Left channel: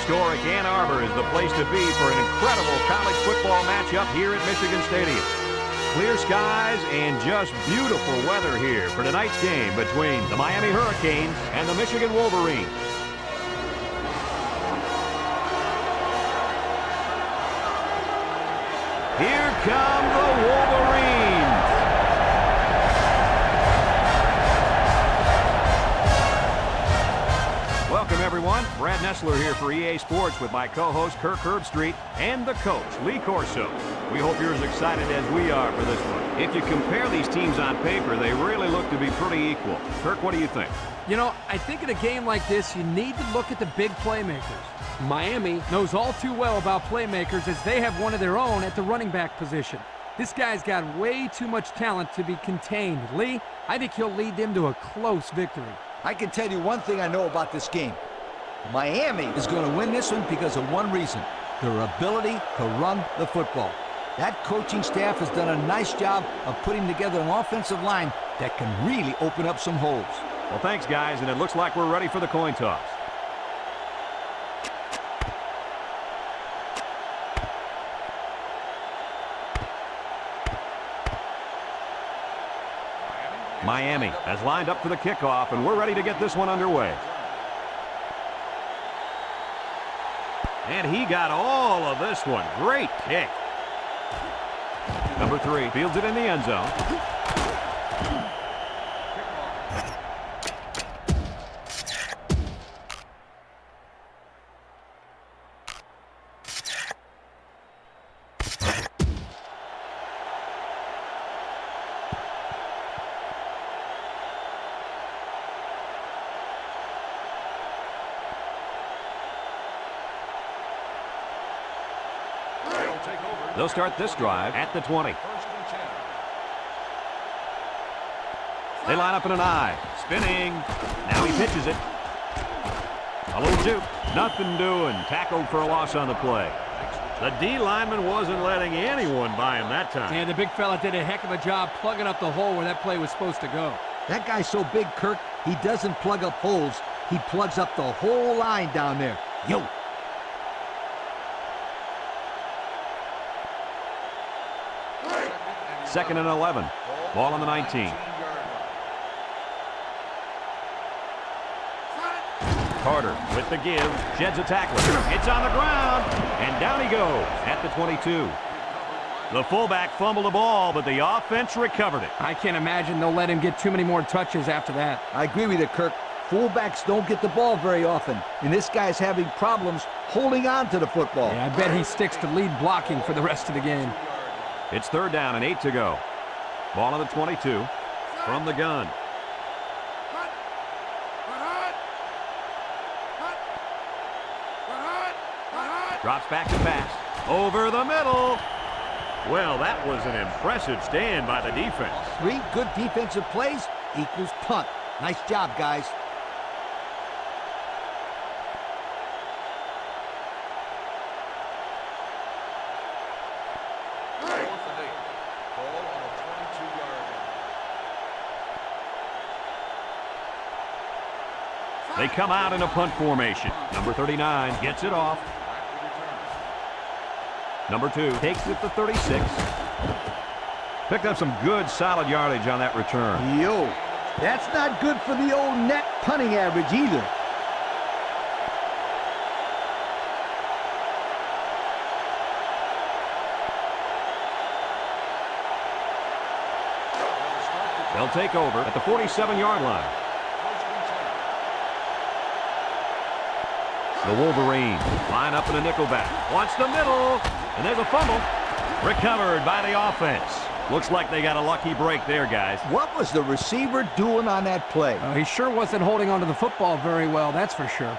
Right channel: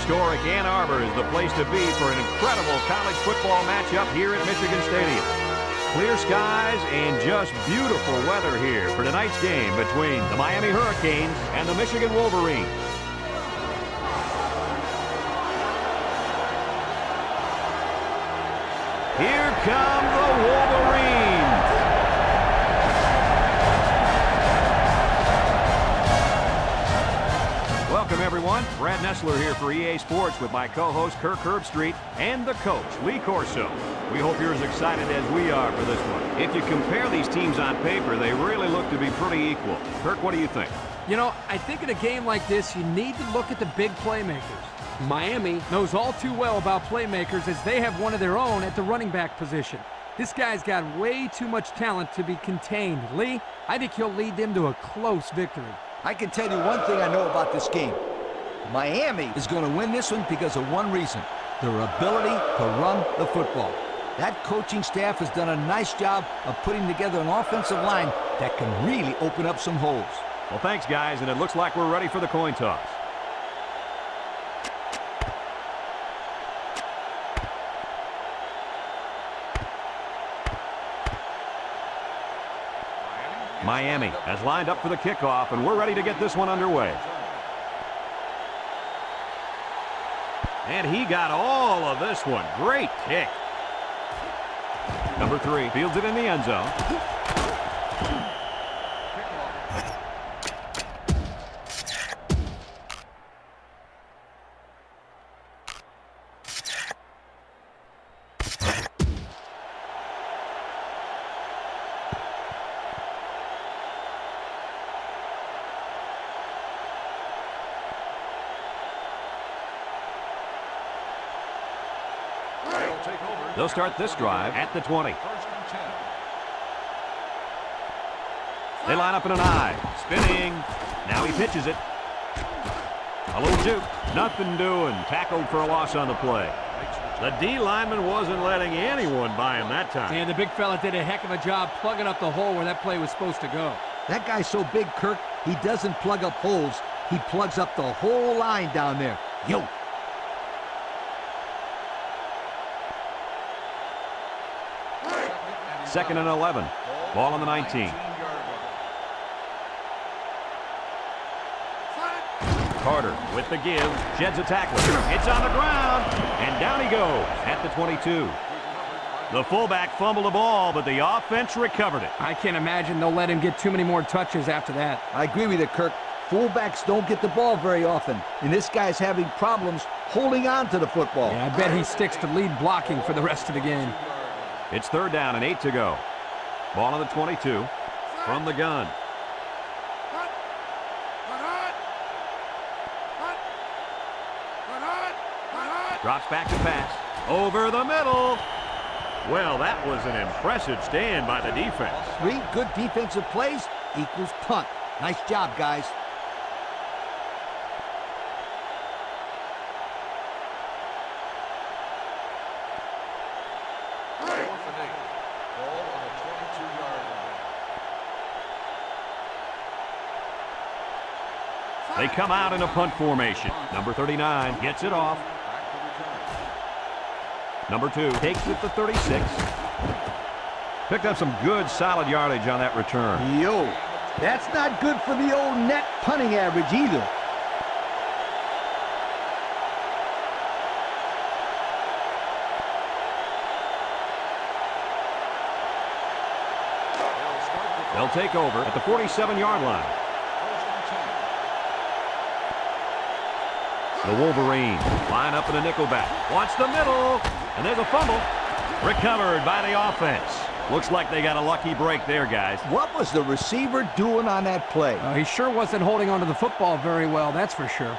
Historic Ann Arbor is the place to be for an incredible college football matchup here at Michigan Stadium. Clear skies and just beautiful weather here for tonight's game between the Miami Hurricanes and the Michigan Wolverines. Here come the Wolverines. Welcome, everyone. Brad Nessler here for EA Sports with my co-host Kirk Herbstreit and the coach, Lee Corso. We hope you're as excited as we are for this one. If you compare these teams on paper, they really look to be pretty equal. Kirk, what do you think? You know, I think in a game like this, you need to look at the big playmakers. Miami knows all too well about playmakers as they have one of their own at the running back position. This guy's got way too much talent to be contained. Lee, I think he'll lead them to a close victory. I can tell you one thing I know about this game. Miami is going to win this one because of one reason: their ability to run the football. That coaching staff has done a nice job of putting together an offensive line that can really open up some holes. Well, thanks, guys, and it looks like we're ready for the coin toss. Miami has lined up for the kickoff, and we're ready to get this one underway. And he got all of this one. Great kick. Number 3 fields it in the end zone. They'll start this drive at the 20. They line up in an I. Spinning. Now he pitches it. A little juke. Nothing doing. Tackled for a loss on the play. The D lineman wasn't letting anyone by him that time. And the big fella did a heck of a job plugging up the hole where that play was supposed to go. That guy's so big, Kirk, he doesn't plug up holes. He plugs up the whole line down there. Yo! Second and 11. Ball on the 19. Carter with the give. Sheds a tackler. It's on the ground. And down he goes at the 22. The fullback fumbled the ball, but the offense recovered it. I can't imagine they'll let him get too many more touches after that. I agree with you, Kirk. Fullbacks don't get the ball very often, and this guy's having problems holding on to the football. Yeah, I bet he sticks to lead blocking for the rest of the game. It's 3rd down and 8 to go. Ball on the 22 from the gun. Drops back to pass. Over the middle. Well, that was an impressive stand by the defense. 3 good defensive plays equals punt. Nice job, guys. They come out in a punt formation. Number 39 gets it off. Number 2 takes it to 36. Picked up some good solid yardage on that return. Yo, that's not good for the old net punting average either. They'll take over at the 47-yard line. The Wolverines line up in a nickelback. Wants the middle, and there's a fumble. Recovered by the offense. Looks like they got a lucky break there, guys. What was the receiver doing on that play? He sure wasn't holding onto the football very well, that's for sure.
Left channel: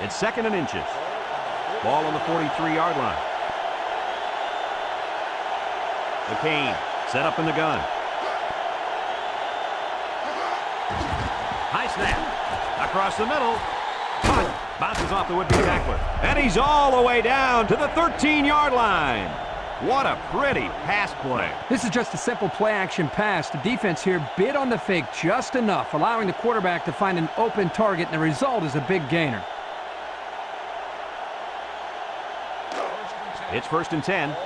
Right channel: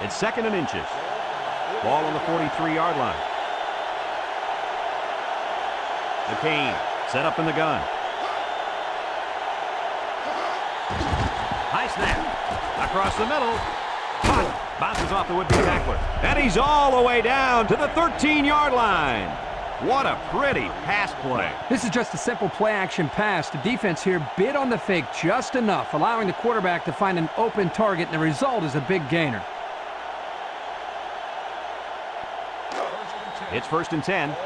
It's 2nd and inches. Ball on the 43-yard line. McCain set up in the gun. High snap. Across the middle. Bounces off the would-be tackler. And he's all the way down to the 13-yard line. What a pretty pass play. This is just a simple play-action pass. The defense here bid on the fake just enough, allowing the quarterback to find an open target, and the result is a big gainer. It's 1st and 10.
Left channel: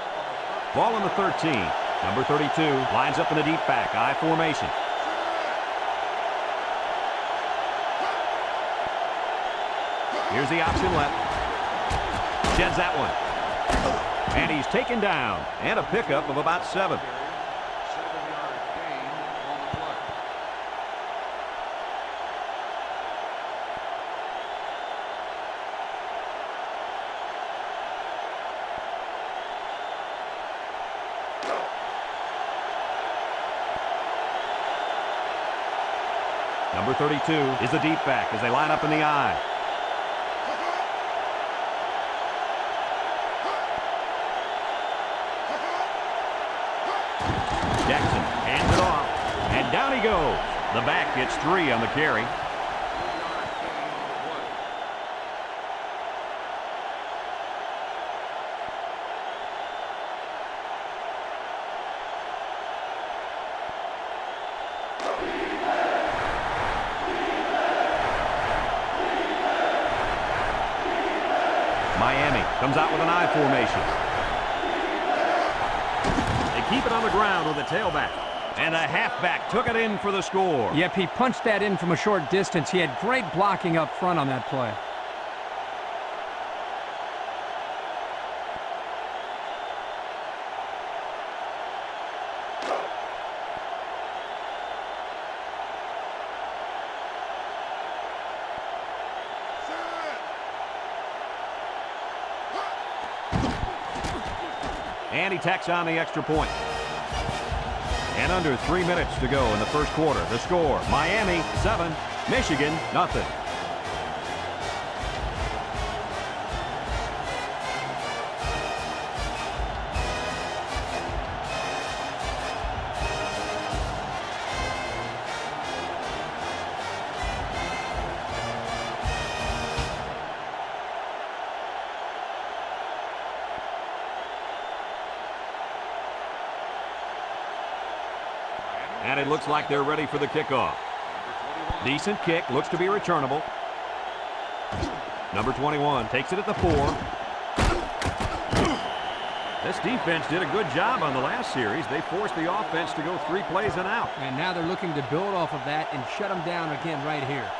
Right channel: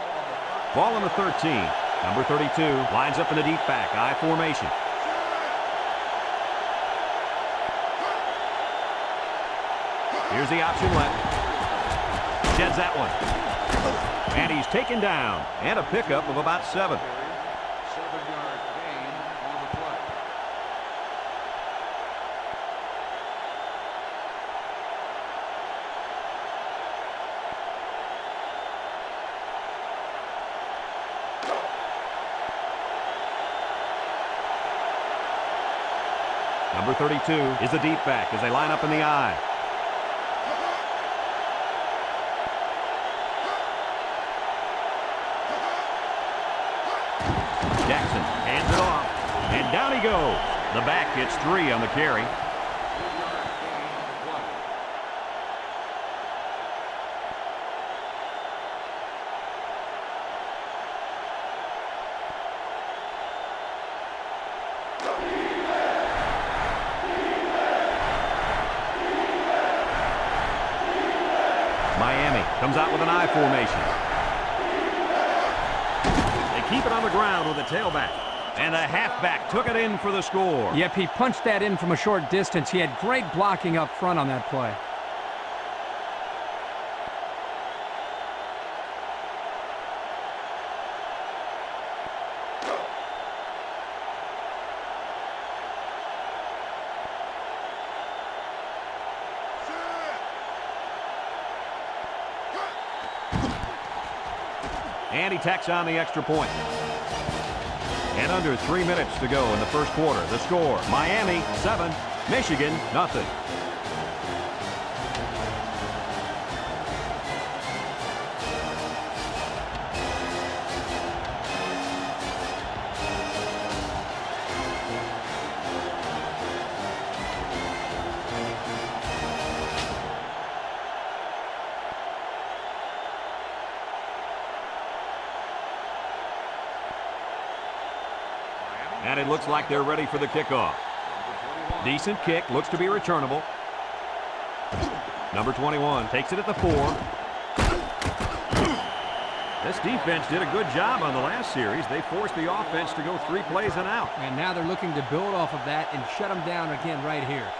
Ball on the 13. Number 32 lines up in the deep back, I formation. Here's the option left. Sheds that one. And he's taken down. And a pickup of about 7. 7-yard gain on the play. Number 32 is the deep back as they line up in the I. Jackson hands it off, and down he goes. The back gets 3 on the carry. 3-yard gain on the play. Miami comes out with an I formation. They keep it on the ground with a tailback. And the halfback took it in for the score. Yep, he punched that in from a short distance. He had great blocking up front on that play. And he tacks on the extra point. And under 3 minutes to go in the first quarter. The score, Miami 7, Michigan nothing. And it looks like they're ready for the kickoff. Decent kick, looks to be returnable. Number 21 takes it at the 4. This defense did a good job on the last series. They forced the offense to go 3 plays and out. And now they're looking to build off of that and shut them down again right here.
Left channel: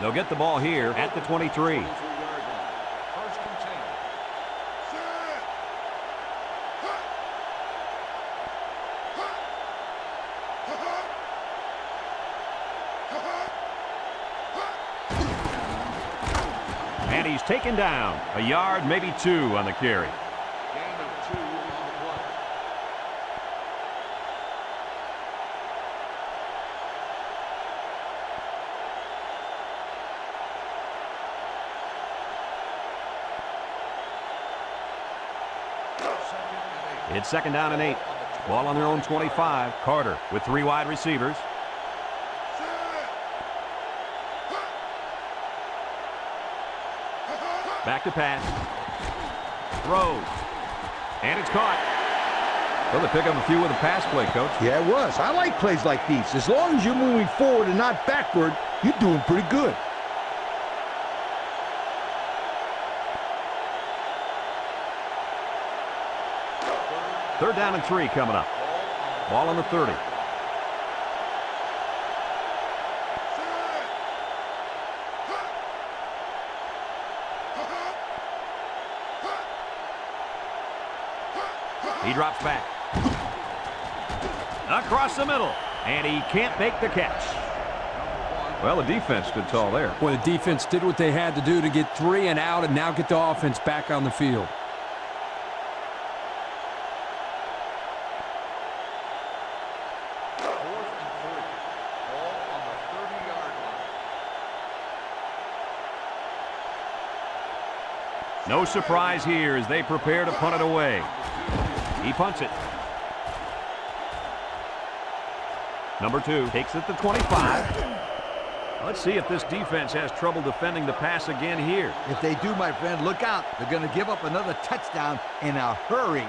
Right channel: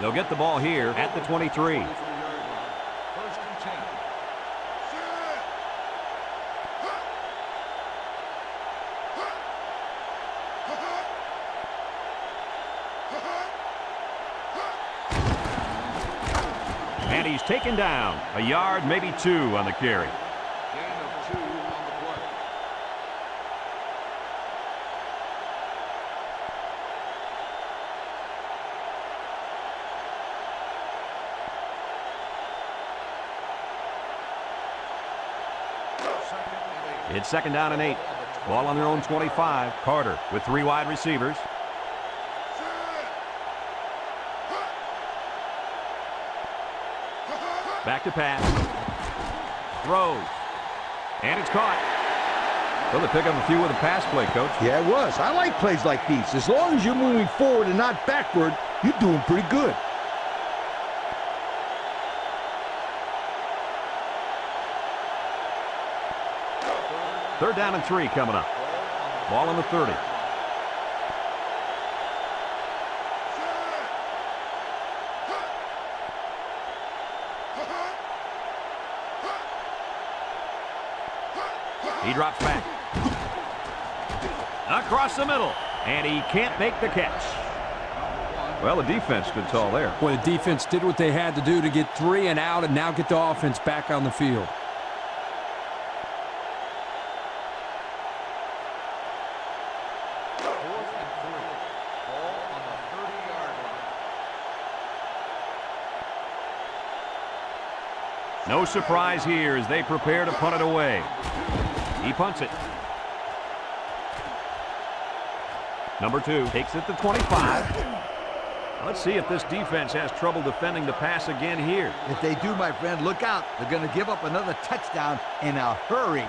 They'll get the ball here at the 23. 1st and 10. And he's taken down. A yard, maybe 2 on the carry. Gain of 2 on the play. It's 2nd down and 8. Ball on their own 25. Carter with 3 wide receivers. Back to pass. Throws. And it's caught. Well, they pick up a few with a pass play, Coach. Yeah, it was. I like plays like these. As long as you're moving forward and not backward, you're doing pretty good. Third down and 3 coming up. Ball on the 30. He drops back. Across the middle. And he can't make the catch. Well, the defense stood tall there. Well, the defense did what they had to do to get 3 and out and now get the offense back on the field. No surprise here as they prepare to punt it away. He punts it. Number 2 takes it to 25. Let's see if this defense has trouble defending the pass again here. If they do, my friend, look out. They're going to give up another touchdown in a hurry.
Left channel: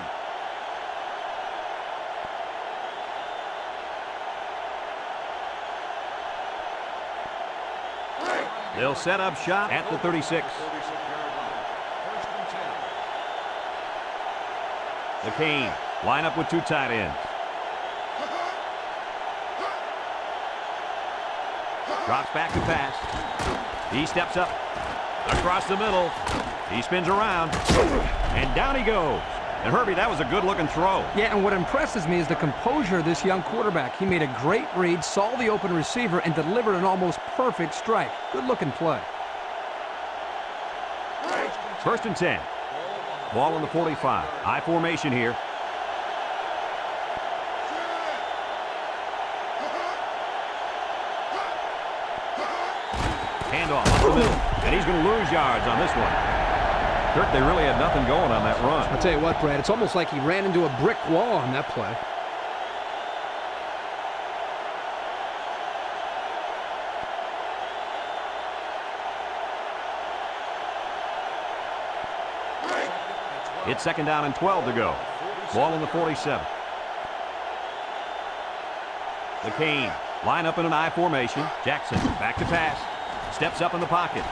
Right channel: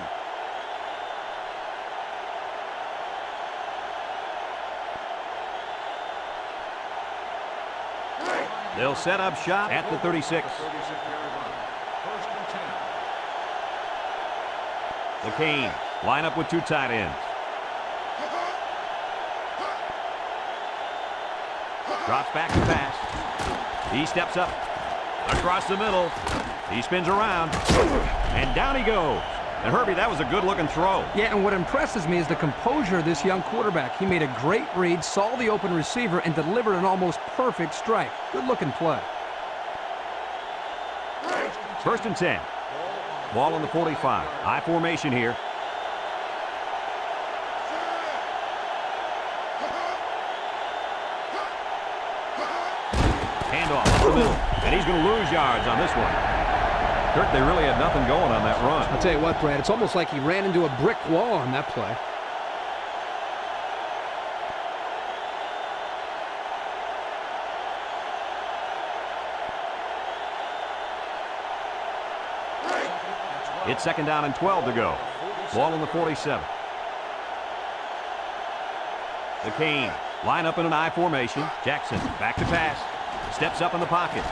They'll set up shop at the 36. 36-yard line. First and 10. The Canes line up with two tight ends. Drops back to pass. He steps up across the middle. He spins around, and down he goes. And Herbie, that was a good-looking throw. Yeah, and what impresses me is the composure of this young quarterback. He made a great read, saw the open receiver, and delivered an almost perfect strike. Good-looking play. First and 10. Ball on the 45. I formation here. Handoff up the middle, and he's going to lose yards on this one. Kirk, they really had nothing going on that run. I'll tell you what, Brad, it's almost like he ran into a brick wall on that play. It's second down and 12 to go. Ball on the 47. The Canes line up in an I formation. Jackson back to pass. Steps up in the pocket.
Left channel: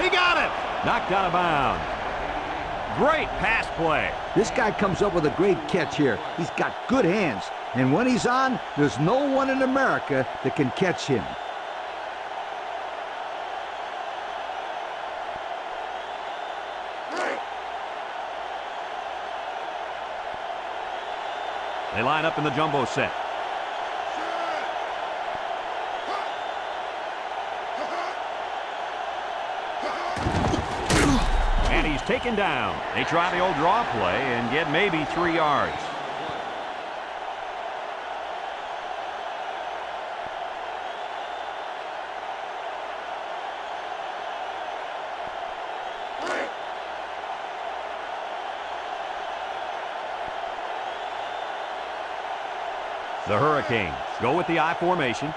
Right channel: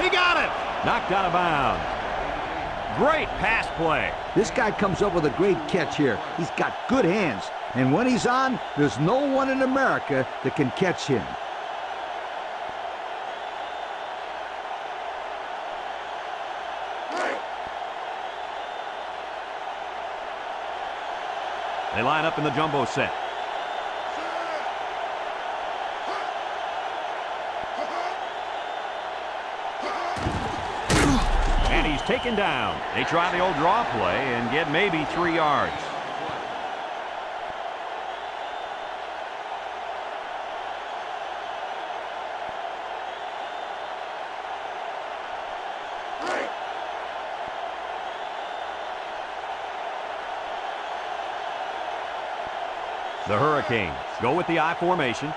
He got it! Knocked out of bounds. Great pass play. This guy comes up with a great catch here. He's got good hands. And when he's on, there's no one in America that can catch him. They line up in the jumbo set. And he's taken down. They try the old draw play and get maybe 3 yards. The Hurricanes go with the I formation.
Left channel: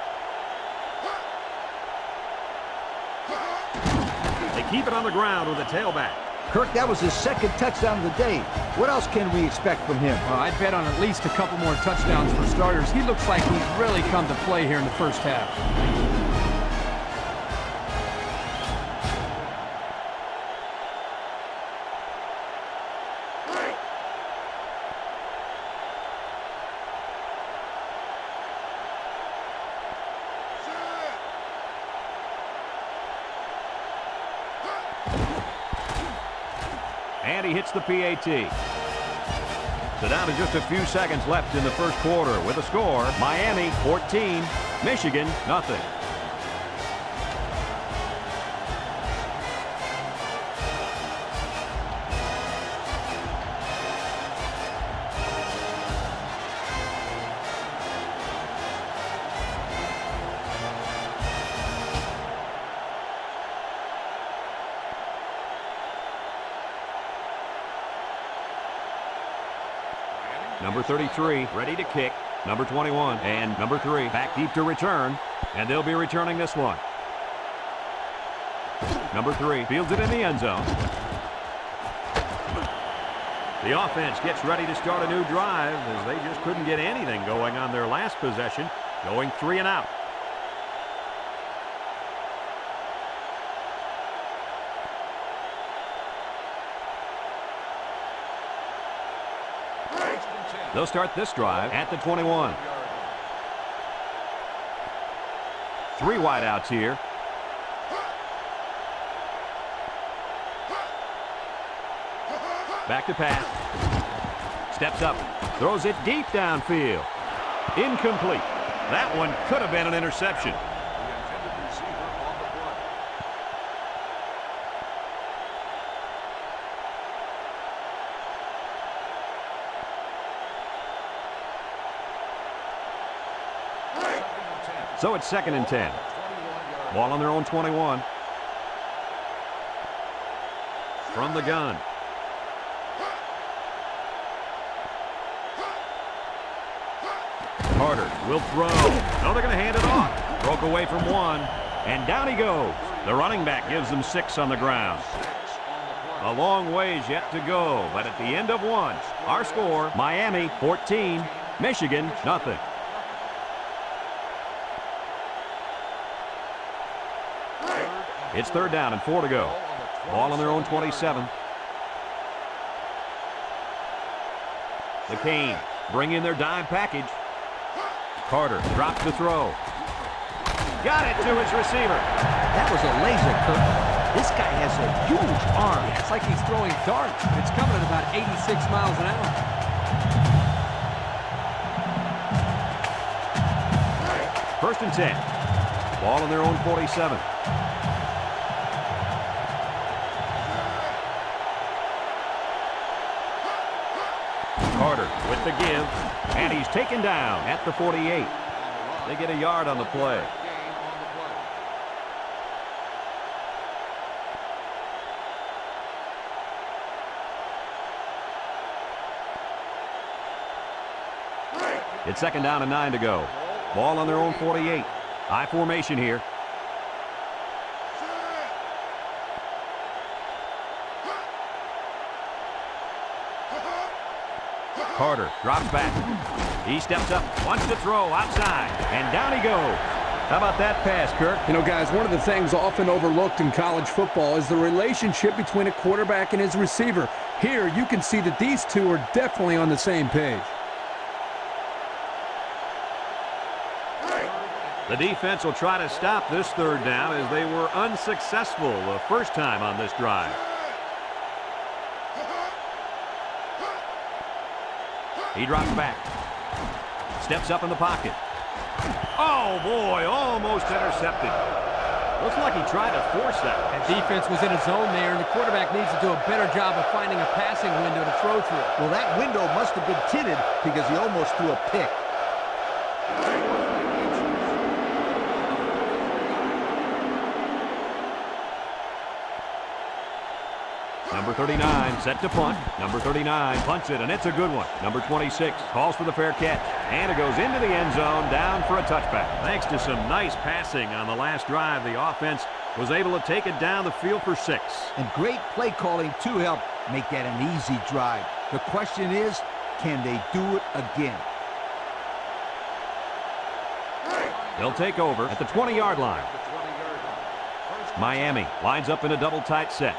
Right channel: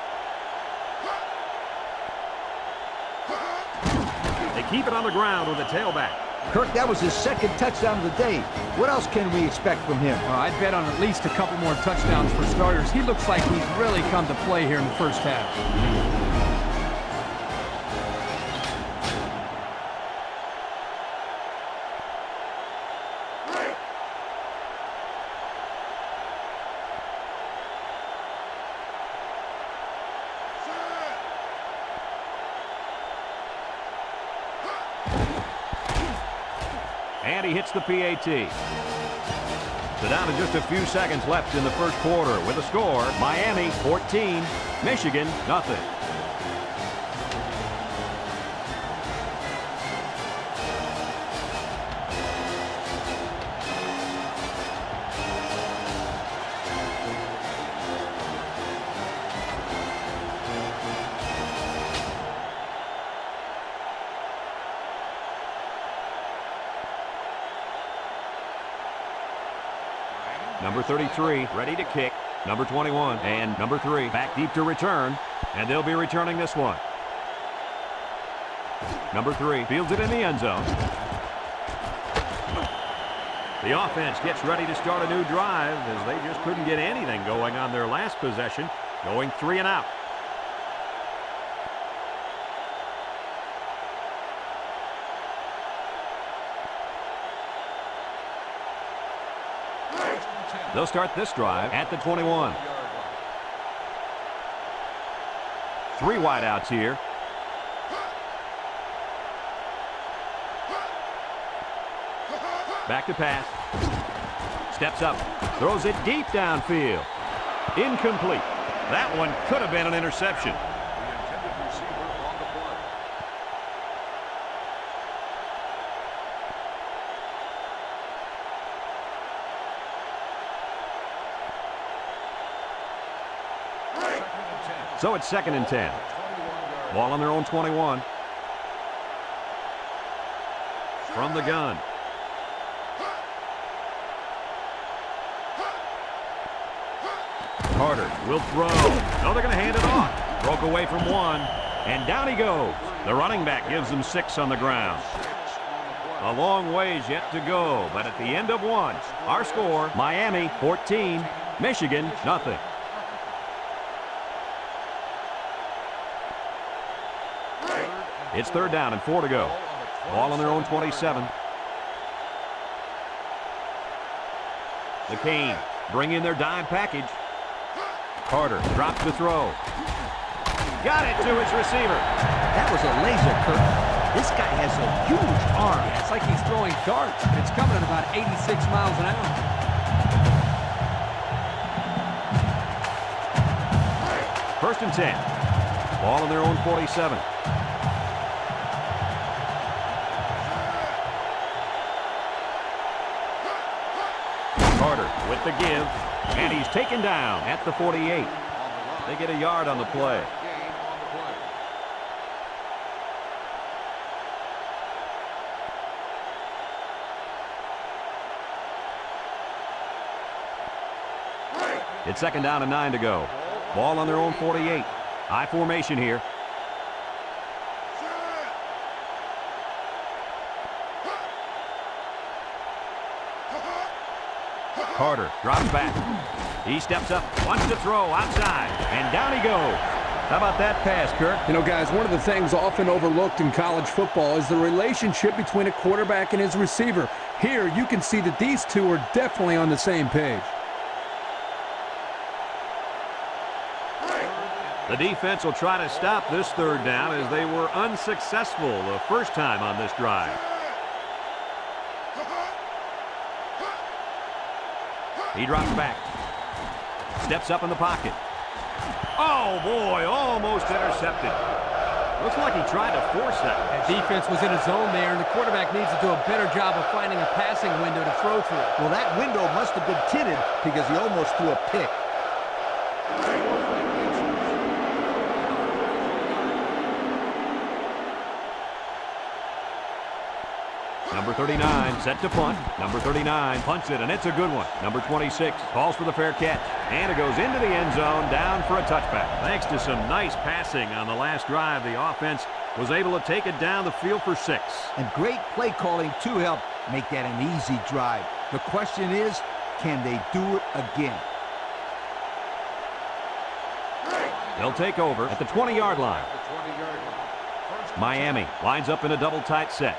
They keep it on the ground with the tailback. Kirk, that was his second touchdown of the day. What else can we expect from him? Well, I'd bet on at least a couple more touchdowns for starters. He looks like he's really come to play here in the first half. And he hits the PAT. So down to just a few seconds left in the first quarter with a score. Miami 14, Michigan nothing. Number 33 ready to kick. Number 21 and number 3 back deep to return. And they'll be returning this one. Number 3 fields it in the end zone. The offense gets ready to start a new drive as they just couldn't get anything going on their last possession, going 3 and out. They'll start this drive at the 21. 3 wideouts here. Back to pass. Steps up. Throws it deep downfield. Incomplete. That one could have been an interception. The intended receiver on the play. So it's second and 10. Ball on their own 21. From the gun. Carter will throw. No, they're going to hand it off. Broke away from one, and down he goes. The running back gives them 6 on the ground. A long ways yet to go, but at the end of one, our score, Miami 14, Michigan nothing. It's 3rd down and 4 to go. Ball on their own 27. The Canes bring in their dime package. Carter drops the throw. Got it to his receiver. That was a laser, Kirk. This guy has a huge arm. Yeah, it's like he's throwing darts, but it's coming at about 86 miles an hour. First and 10. Ball on their own 47. Carter with the give, and he's taken down at the 48. They get a yard on the play. It's 2nd down and 9 to go. Ball on their own 48. I formation here. Carter drops back. He steps up, wants to throw outside, and down he goes. How about that pass, Kirk? You know, guys, one of the things often overlooked in college football is the relationship between a quarterback and his receiver. Here, you can see that these two are definitely on the same page. The defense will try to stop this 3rd down as they were unsuccessful the first time on this drive. He drops back. Steps up in the pocket. Oh, boy, almost intercepted. Looks like he tried to force that one. That defense was in a zone there, and the quarterback needs to do a better job of finding a passing window to throw through. Well, that window must have been tinted because he almost threw a pick. Number 39 set to punt. Number 39 punts it, and it's a good one. Number 26 calls for the fair catch, and it goes into the end zone, down for a touchback. Thanks to some nice passing on the last drive, the offense was able to take it down the field for 6. And great play calling to help make that an easy drive. The question is, can they do it again? They'll take over at the 20-yard line. Miami lines up in a double tight set.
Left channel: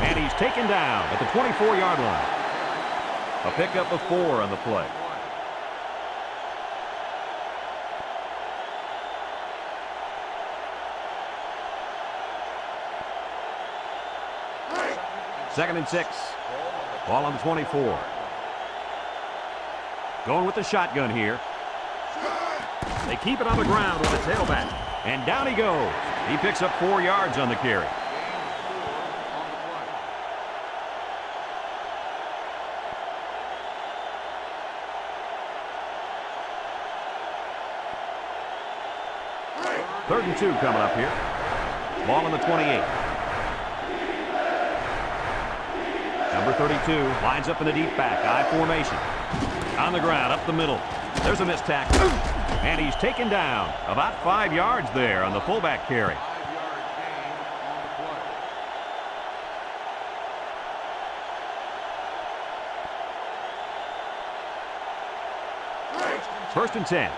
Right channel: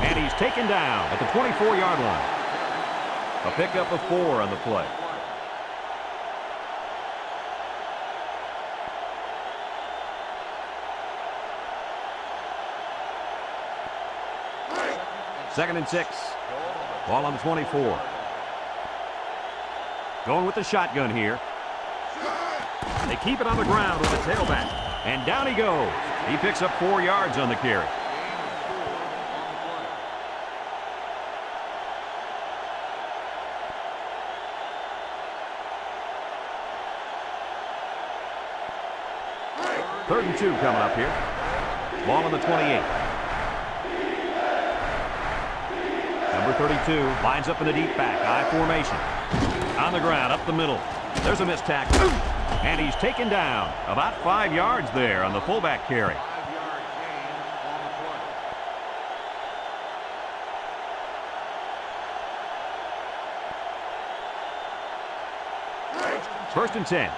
And he's taken down at the 24-yard line. A pickup of 4 on the play. Second and 6. Ball on the 24. Going with the shotgun here. They keep it on the ground with the tailback. And down he goes. He picks up 4 yards on the carry. Third and 2 coming up here. Ball on the 28. Number 32 lines up in the deep back, I formation. On the ground, up the middle. There's a missed tackle. And he's taken down about 5 yards there on the fullback carry. 5-yard gain on the play. First and 10.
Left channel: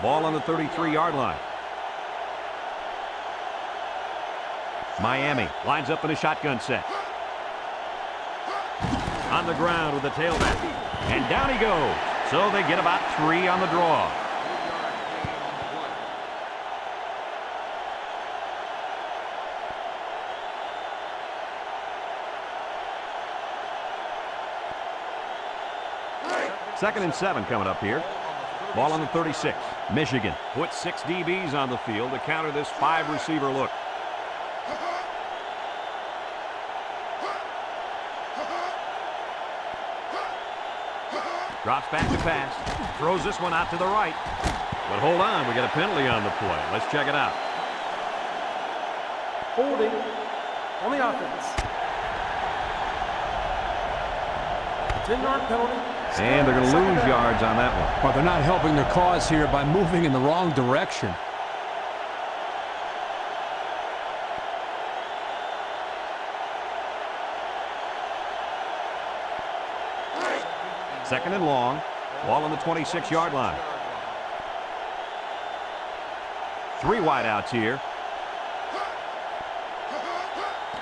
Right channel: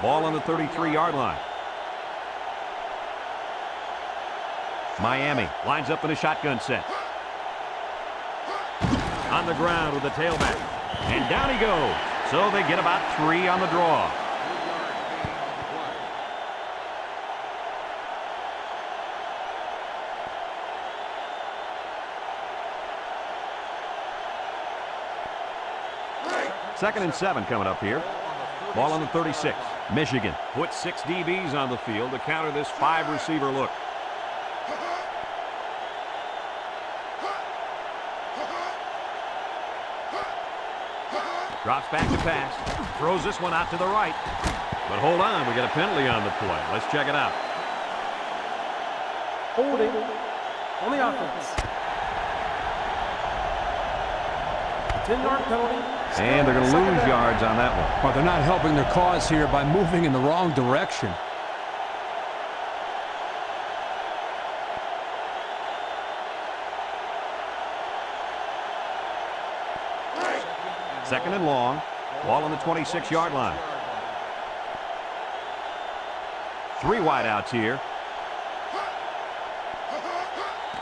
Ball on the 33-yard line. Miami lines up in a shotgun set. On the ground with the tailback. And down he goes. So they get about 3 on the draw. 3-yard gain on the play. Second and 7 coming up here. Ball on the 36. Michigan puts 6 DBs on the field to counter this 5-receiver look. Drops back to pass. Throws this one out to the right. But hold on, we got a penalty on the play. Let's check it out. Holding on the offense. 10-yard penalty, And they're going to lose yards on that one. Well, they're not helping their cause here by moving in the wrong direction. Second and long. Ball on the 26-yard line. 3 wideouts here.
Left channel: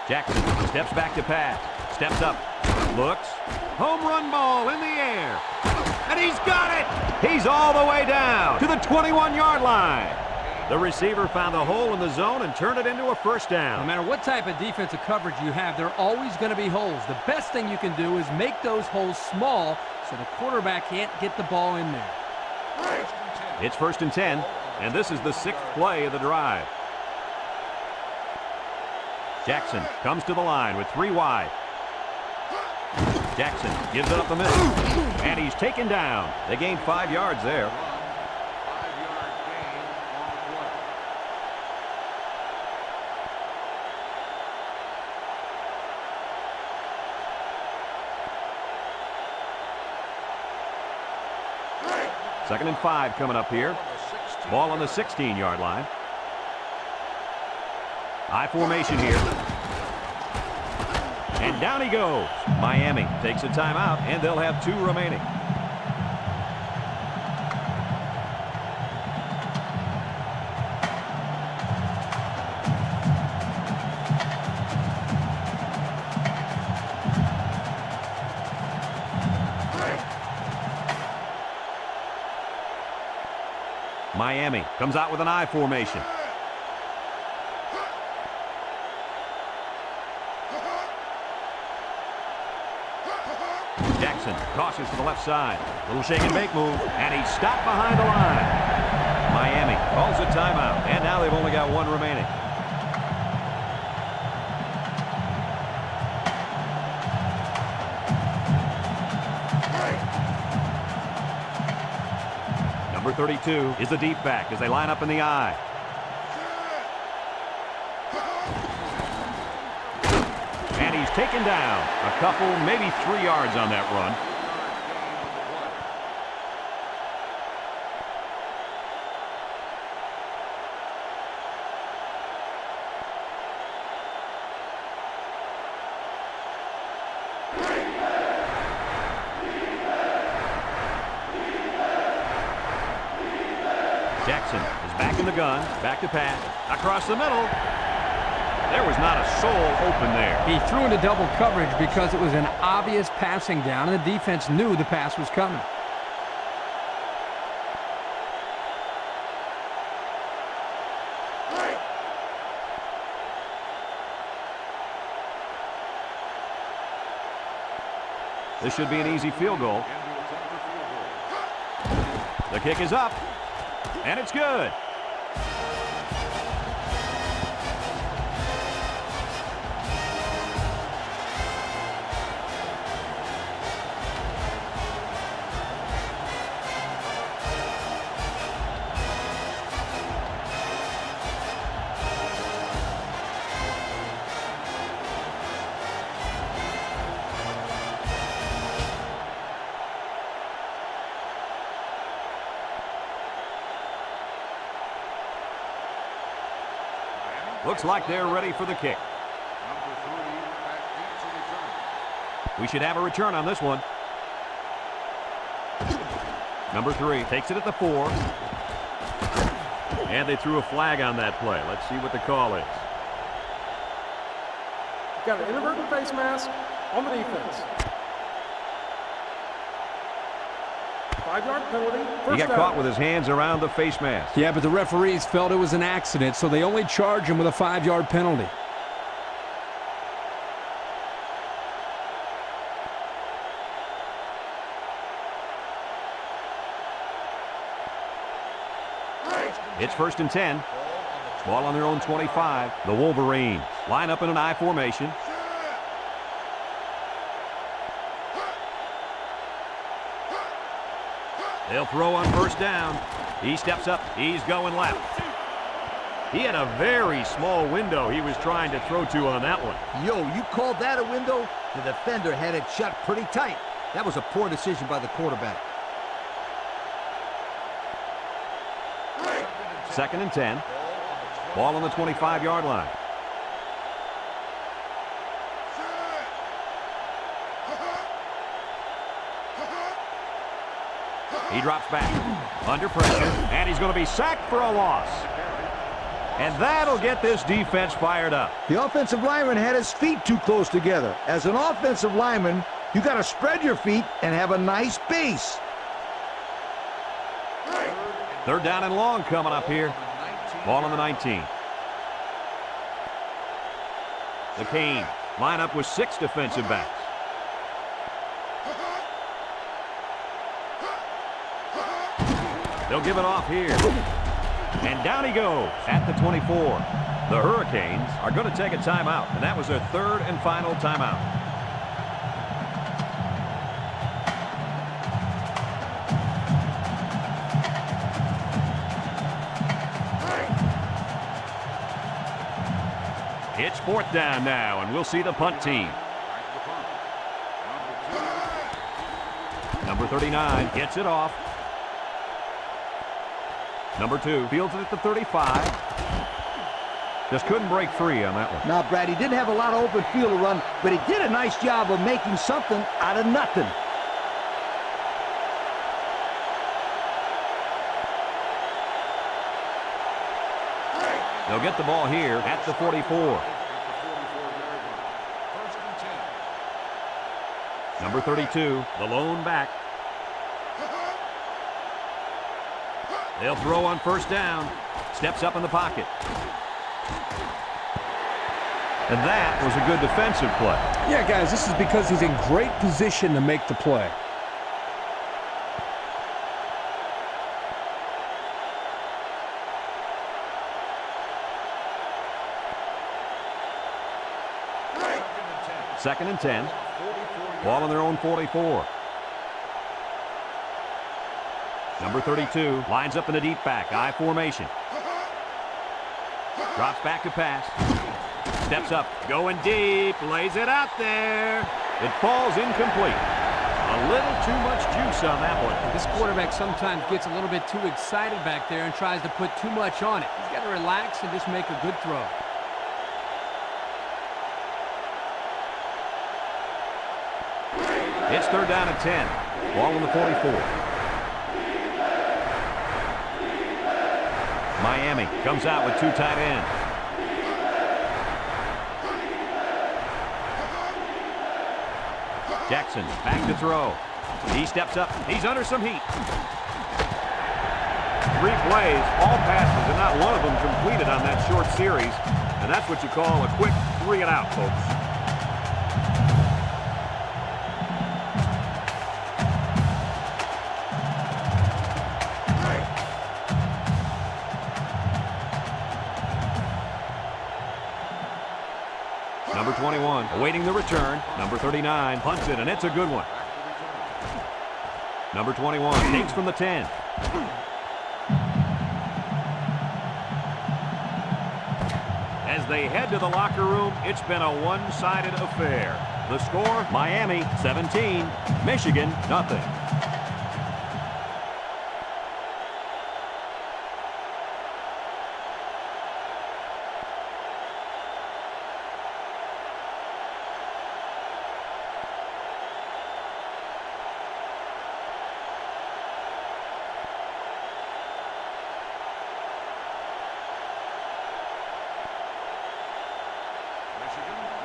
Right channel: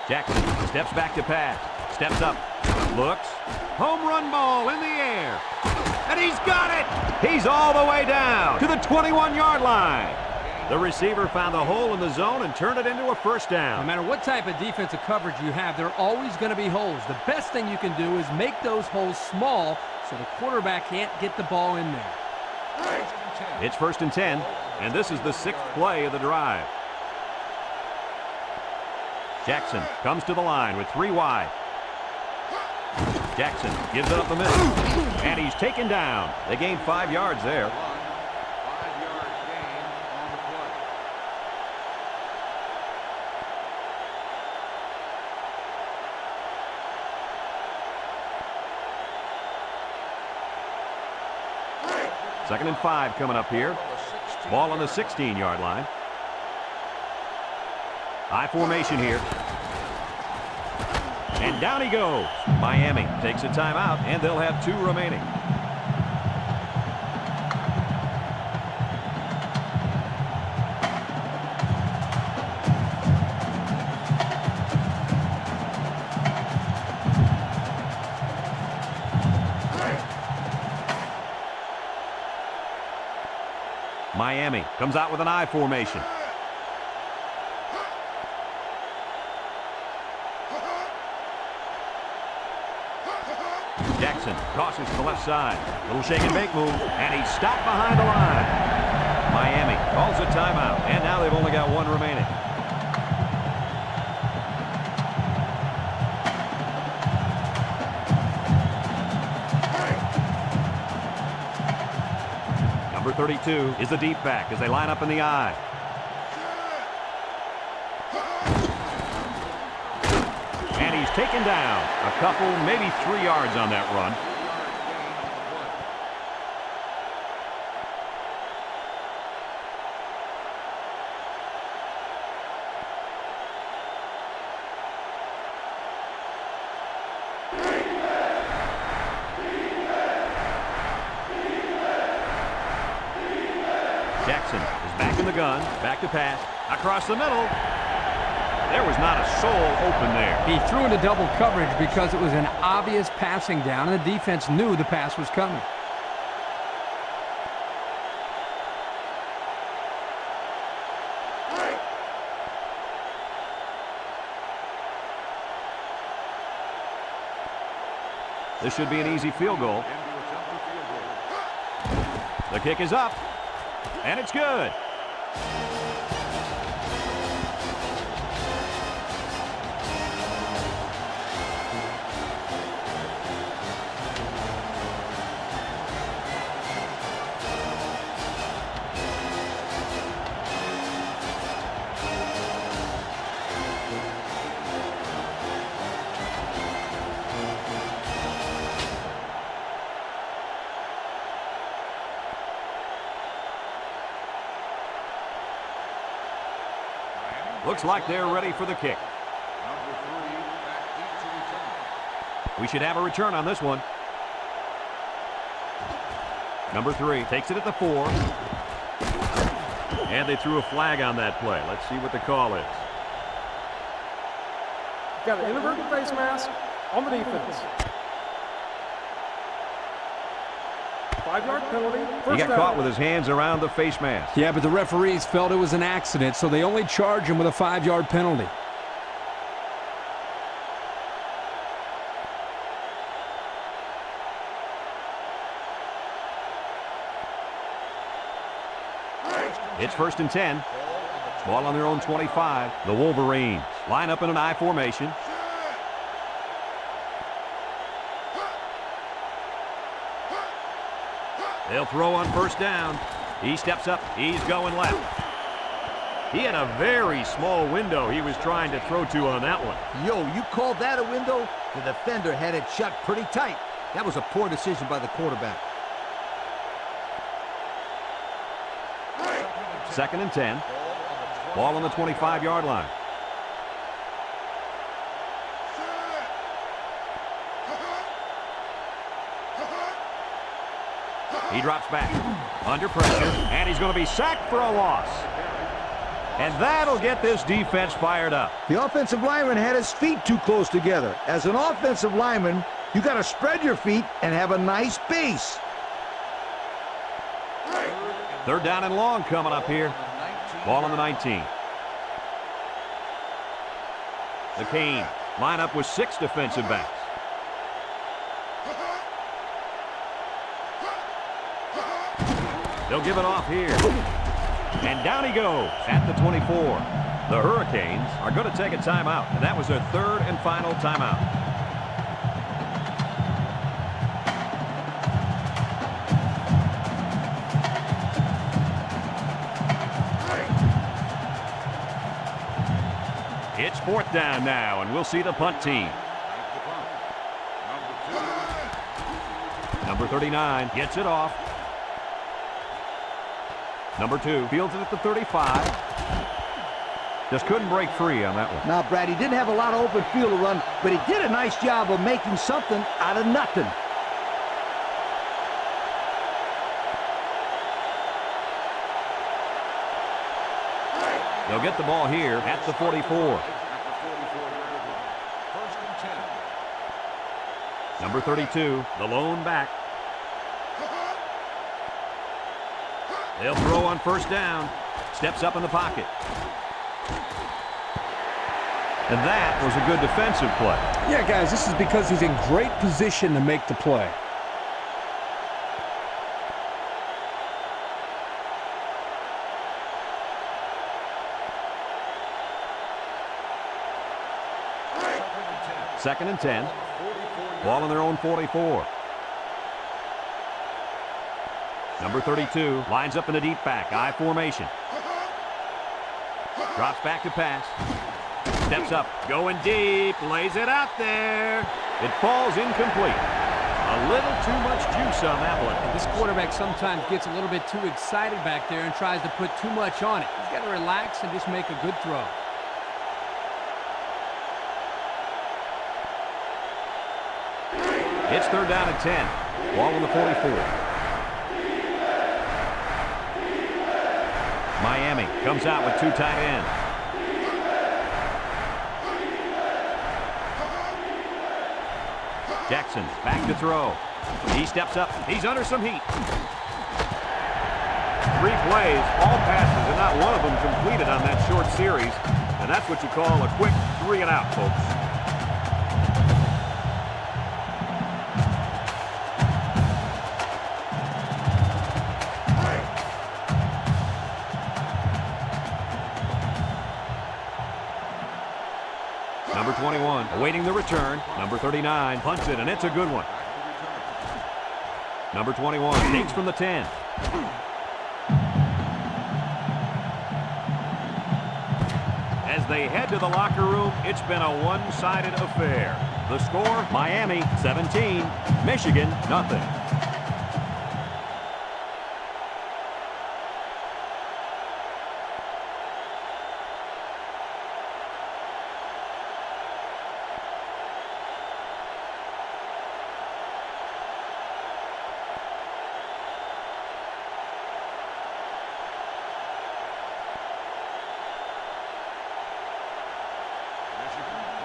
Jackson steps back to pass. Steps up. Looks. Home run ball in the air. And he's got it! He's all the way down to the 21-yard line. The receiver found the hole in the zone and turned it into a first down. No matter what type of defensive coverage you have, there are always going to be holes. The best thing you can do is make those holes small so the quarterback can't get the ball in there. It's 1st and 10, and this is the 6th play of the drive. Jackson comes to the line with 3 wide. Jackson gives it up the middle, and he's taken down. They gained 5 yards there. 5-yard gain on the play. Second and 5 coming up here. Ball on the 16-yard line. I formation here. And down he goes. Miami takes a timeout, and they'll have 2 remaining. Miami comes out with an I formation. Jackson tosses to the left side. Little shake and bake move, and he's stopped behind the line. Miami calls a timeout, and now they've only got 1 remaining. Number 32 is the deep back as they line up in the I. And he's taken down. A couple, maybe 3 yards on that run. 3-yard gain on the play. Jackson is back in the gun, back to pass, across the middle. There was not a soul open there. He threw into double coverage because it was an obvious passing down, and the defense knew the pass was coming. This should be an easy field goal. In to attempt the field goal. The kick is up, and it's good. Looks like they're ready for the kick. Number 3 back deep to return. We should have a return on this one. Number 3 takes it at the 4. And they threw a flag on that play. Let's see what the call is. Got an inadvertent face mask on the defense. 5-yard penalty. He got caught with his hands around the face mask. Yeah, but the referees felt it was an accident, so they only charged him with a 5-yard penalty. It's 1st and 10. Ball on their own 25. The Wolverines line up in an I formation. They'll throw on 1st down. He steps up. He's going left. He had a very small window he was trying to throw to on that one. Yo, you called that a window? The defender had it shut pretty tight. That was a poor decision by the quarterback. 2nd and 10. Ball on the 25-yard line. He drops back under pressure, and he's going to be sacked for a loss. And that'll get this defense fired up. The offensive lineman had his feet too close together. As an offensive lineman, you got to spread your feet and have a nice base. 3rd down and long coming up here. Ball on the 19. The Canes line up with 6 defensive backs. They'll give it off here. And down he goes at the 24. The Hurricanes are going to take a timeout, and that was their 3rd and final timeout. It's 4th down now, and we'll see the punt team. Number 39 gets it off. Number 2 fields it at the 35. Just couldn't break free on that one. Now, Brad, he didn't have a lot of open field to run, but he did a nice job of making something out of nothing. They'll get the ball here at the 44. Number 32, the lone back. They'll throw on 1st down. Steps up in the pocket. And that was a good defensive play. Yeah, guys, this is because he's in great position to make the play. Second and 10. Ball on their own 44. Number 32 lines up in a deep back, I formation. Drops back to pass. Steps up, going deep, lays it out there. It falls incomplete. A little too much juice on that one. And this quarterback sometimes gets a little bit too excited back there and tries to put too much on it. He's got to relax and just make a good throw. It's 3rd down and 10. Ball on the 44. Miami comes out with 2 tight ends. Jackson back to throw. He steps up. He's under some heat. 3 plays, all passes, and not one of them completed on that short series. And that's what you call a quick 3 and out, folks. Number 21 awaiting the return. Number 39 punts it, and it's a good one. Number 21 takes from the 10. As they head to the locker room, it's been a one-sided affair. The score, Miami 17, Michigan nothing.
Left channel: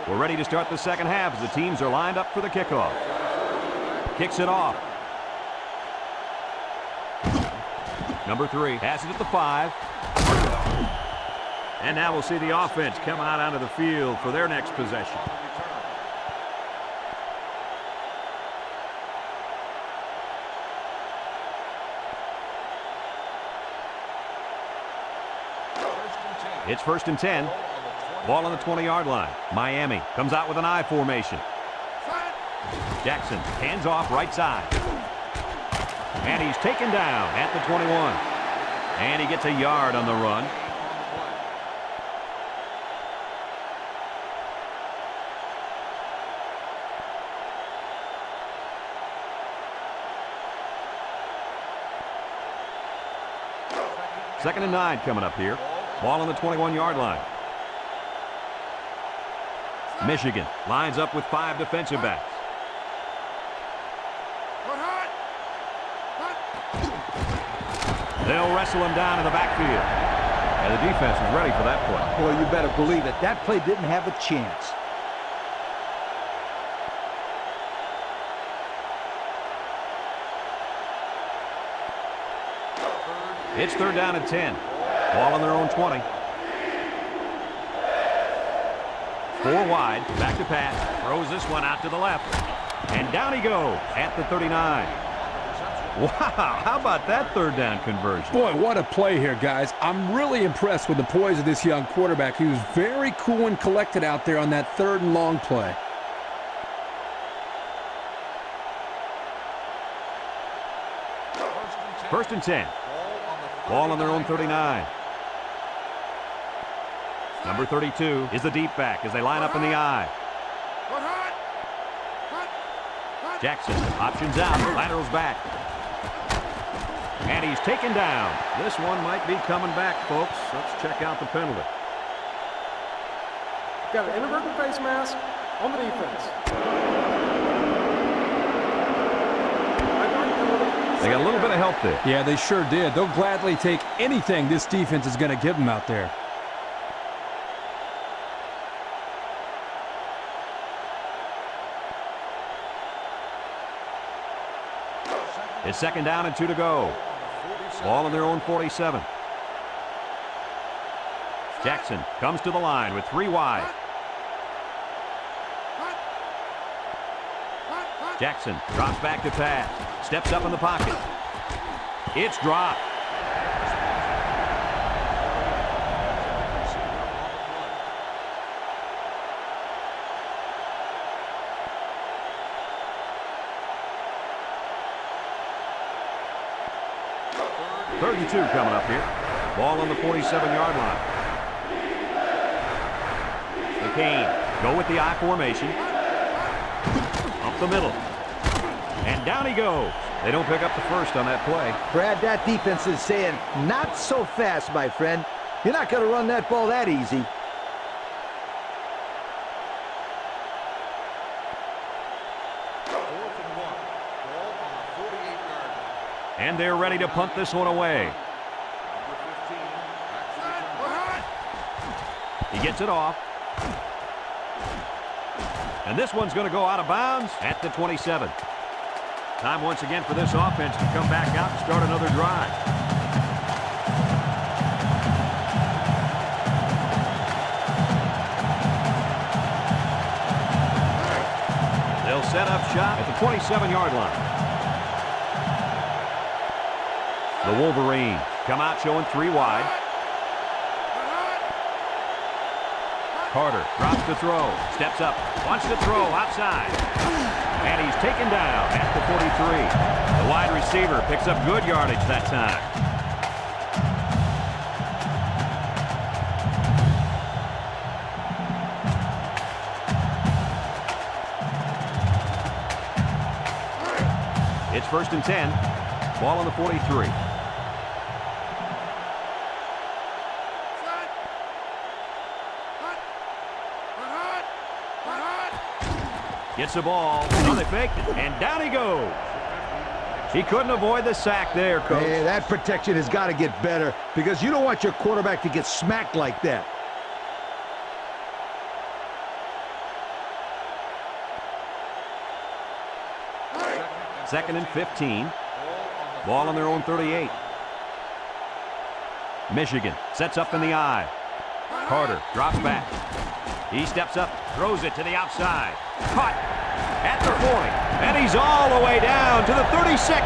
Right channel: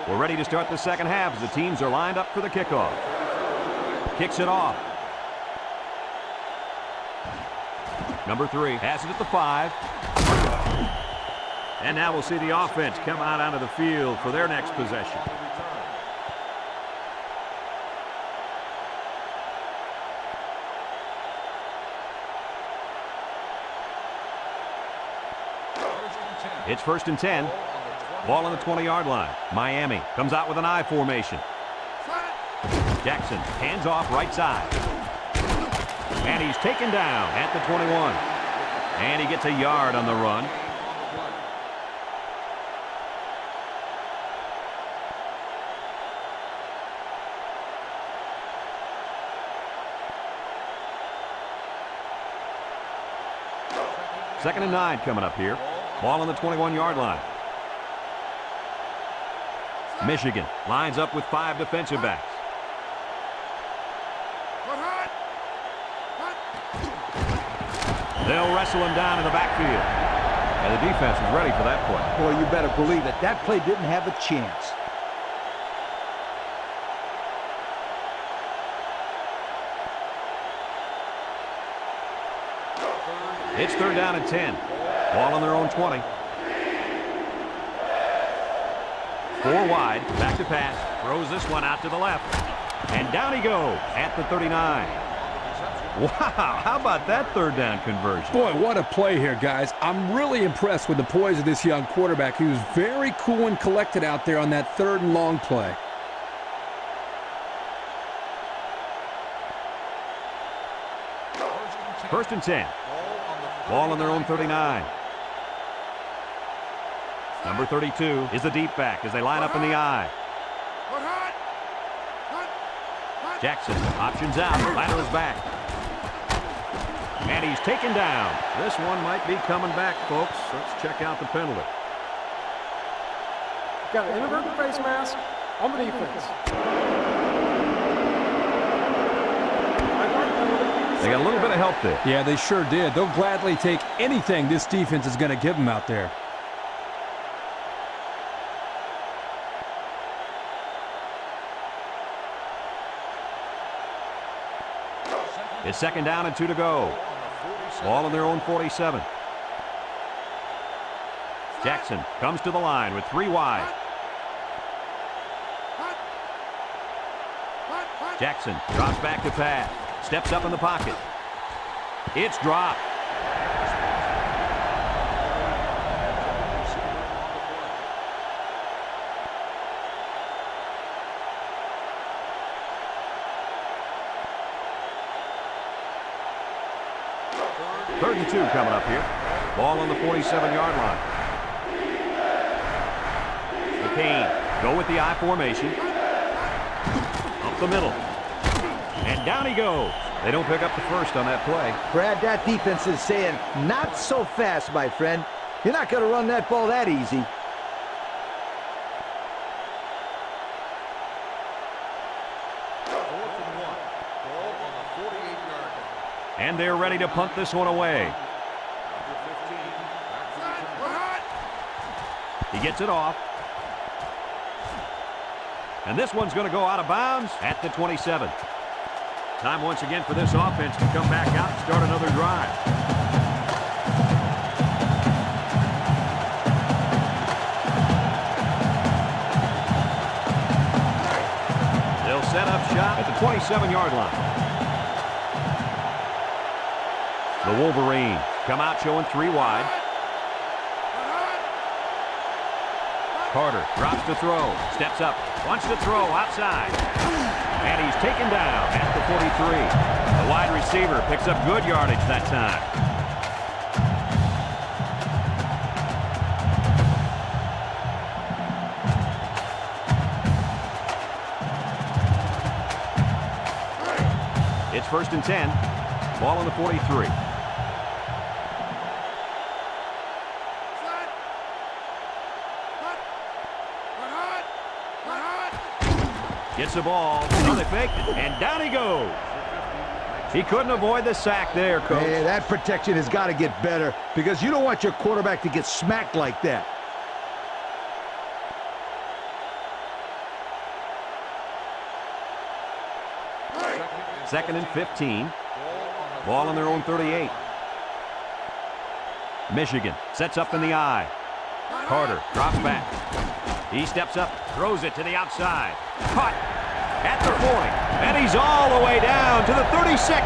We're ready to start the second half as the teams are lined up for the kickoff. Kicks it off. Number 3 has it at the 5. And now we'll see the offense come out onto the field for their next possession. It's 1st and 10. Ball on the 20-yard line. Miami comes out with an I formation. Jackson hands off right side. And he's taken down at the 21. And he gets a yard on the run. 2nd and 9 coming up here. Ball on the 21-yard line. Michigan lines up with 5 defensive backs. They'll wrestle him down in the backfield. And the defense is ready for that play. Boy, you better believe it. That play didn't have a chance. It's 3rd down and 10. Ball on their own 20. 4 wide. Back to pass. Throws this one out to the left. And down he goes at the 39. Wow, how about that 3rd down conversion? Boy, what a play here, guys. I'm really impressed with the poise of this young quarterback. He was very cool and collected out there on that 3rd and long play. First and 10. Ball on their own 39. Number 32 is the deep back as they line up in the I. Jackson options out, laterals back. And he's taken down. This one might be coming back, folks. Let's check out the penalty. Got an inadvertent face mask on the defense. 5-yard penalty. They got a little bit of help there. Yeah, they sure did. They'll gladly take anything this defense is going to give them out there. It's 2nd down and 2 to go. Ball on their own 47. Jackson comes to the line with 3 wide. Jackson drops back to pass. Steps up in the pocket. It's dropped. Third and 2 coming up here. Ball on the 47-yard line. McCain go with the I formation. Up the middle. And down he goes. They don't pick up the first on that play. Brad, that defense is saying, not so fast, my friend. You're not going to run that ball that easy. And they're ready to punt this one away. He gets it off. And this one's going to go out of bounds at the 27. Time once again for this offense to come back out and start another drive. They'll set up shop at the 27-yard line. The Wolverines come out showing 3 wide. Carter drops to throw, steps up, wants to throw outside. And he's taken down at the 43. The wide receiver picks up good yardage that time. It's 1st and 10. Ball on the 43. Gets the ball. Oh, they faked it. And down he goes. He couldn't avoid the sack there, Coach. Hey, that protection has got to get better because you don't want your quarterback to get smacked like that. Second and 15. Ball on their own 38. Michigan sets up in the I. Carter drops back. He steps up, throws it to the outside. Caught at the 40. And he's all the way down to the 36.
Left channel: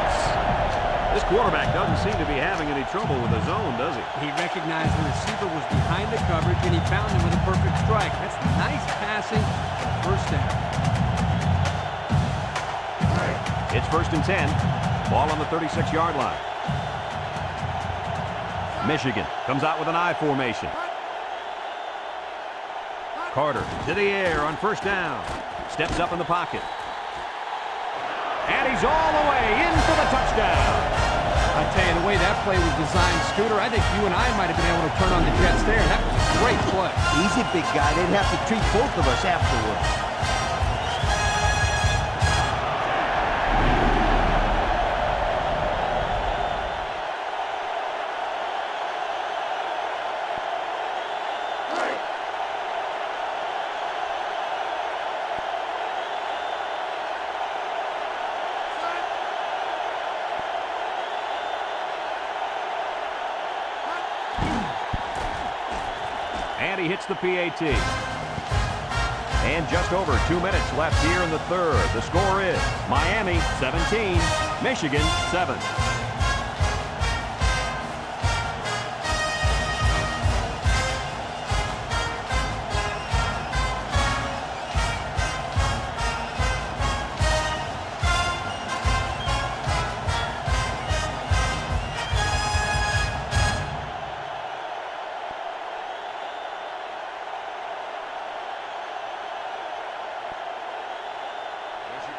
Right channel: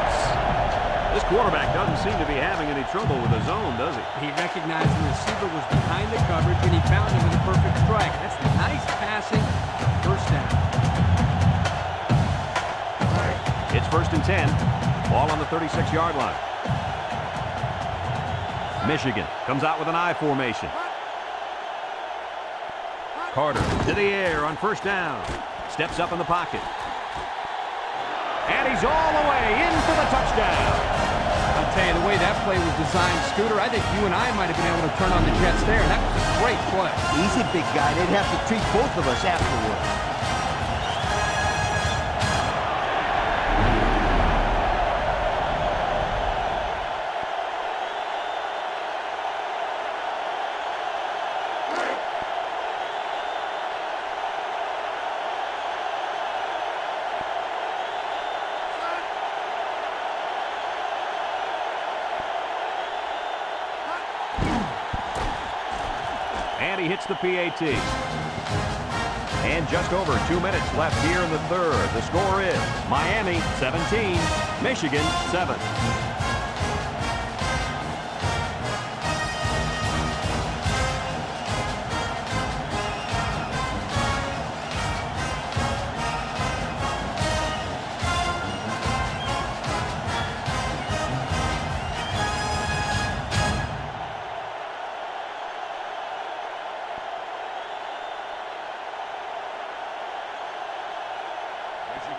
This quarterback doesn't seem to be having any trouble with the zone, does he? He recognized the receiver was behind the coverage, and he found him with a perfect strike. That's nice passing for 1st down. It's 1st and 10. Ball on the 36-yard line. Michigan comes out with an I formation. Carter to the air on 1st down. Steps up in the pocket. And he's all the way in for the touchdown. I tell you, the way that play was designed, Scooter, I think you and I might have been able to turn on the Jets there. That was a great play. Easy, big guy. They'd have to treat both of us afterwards. And he hits the PAT. And just over 2 minutes left here in the third. The score is Miami 17, Michigan 7.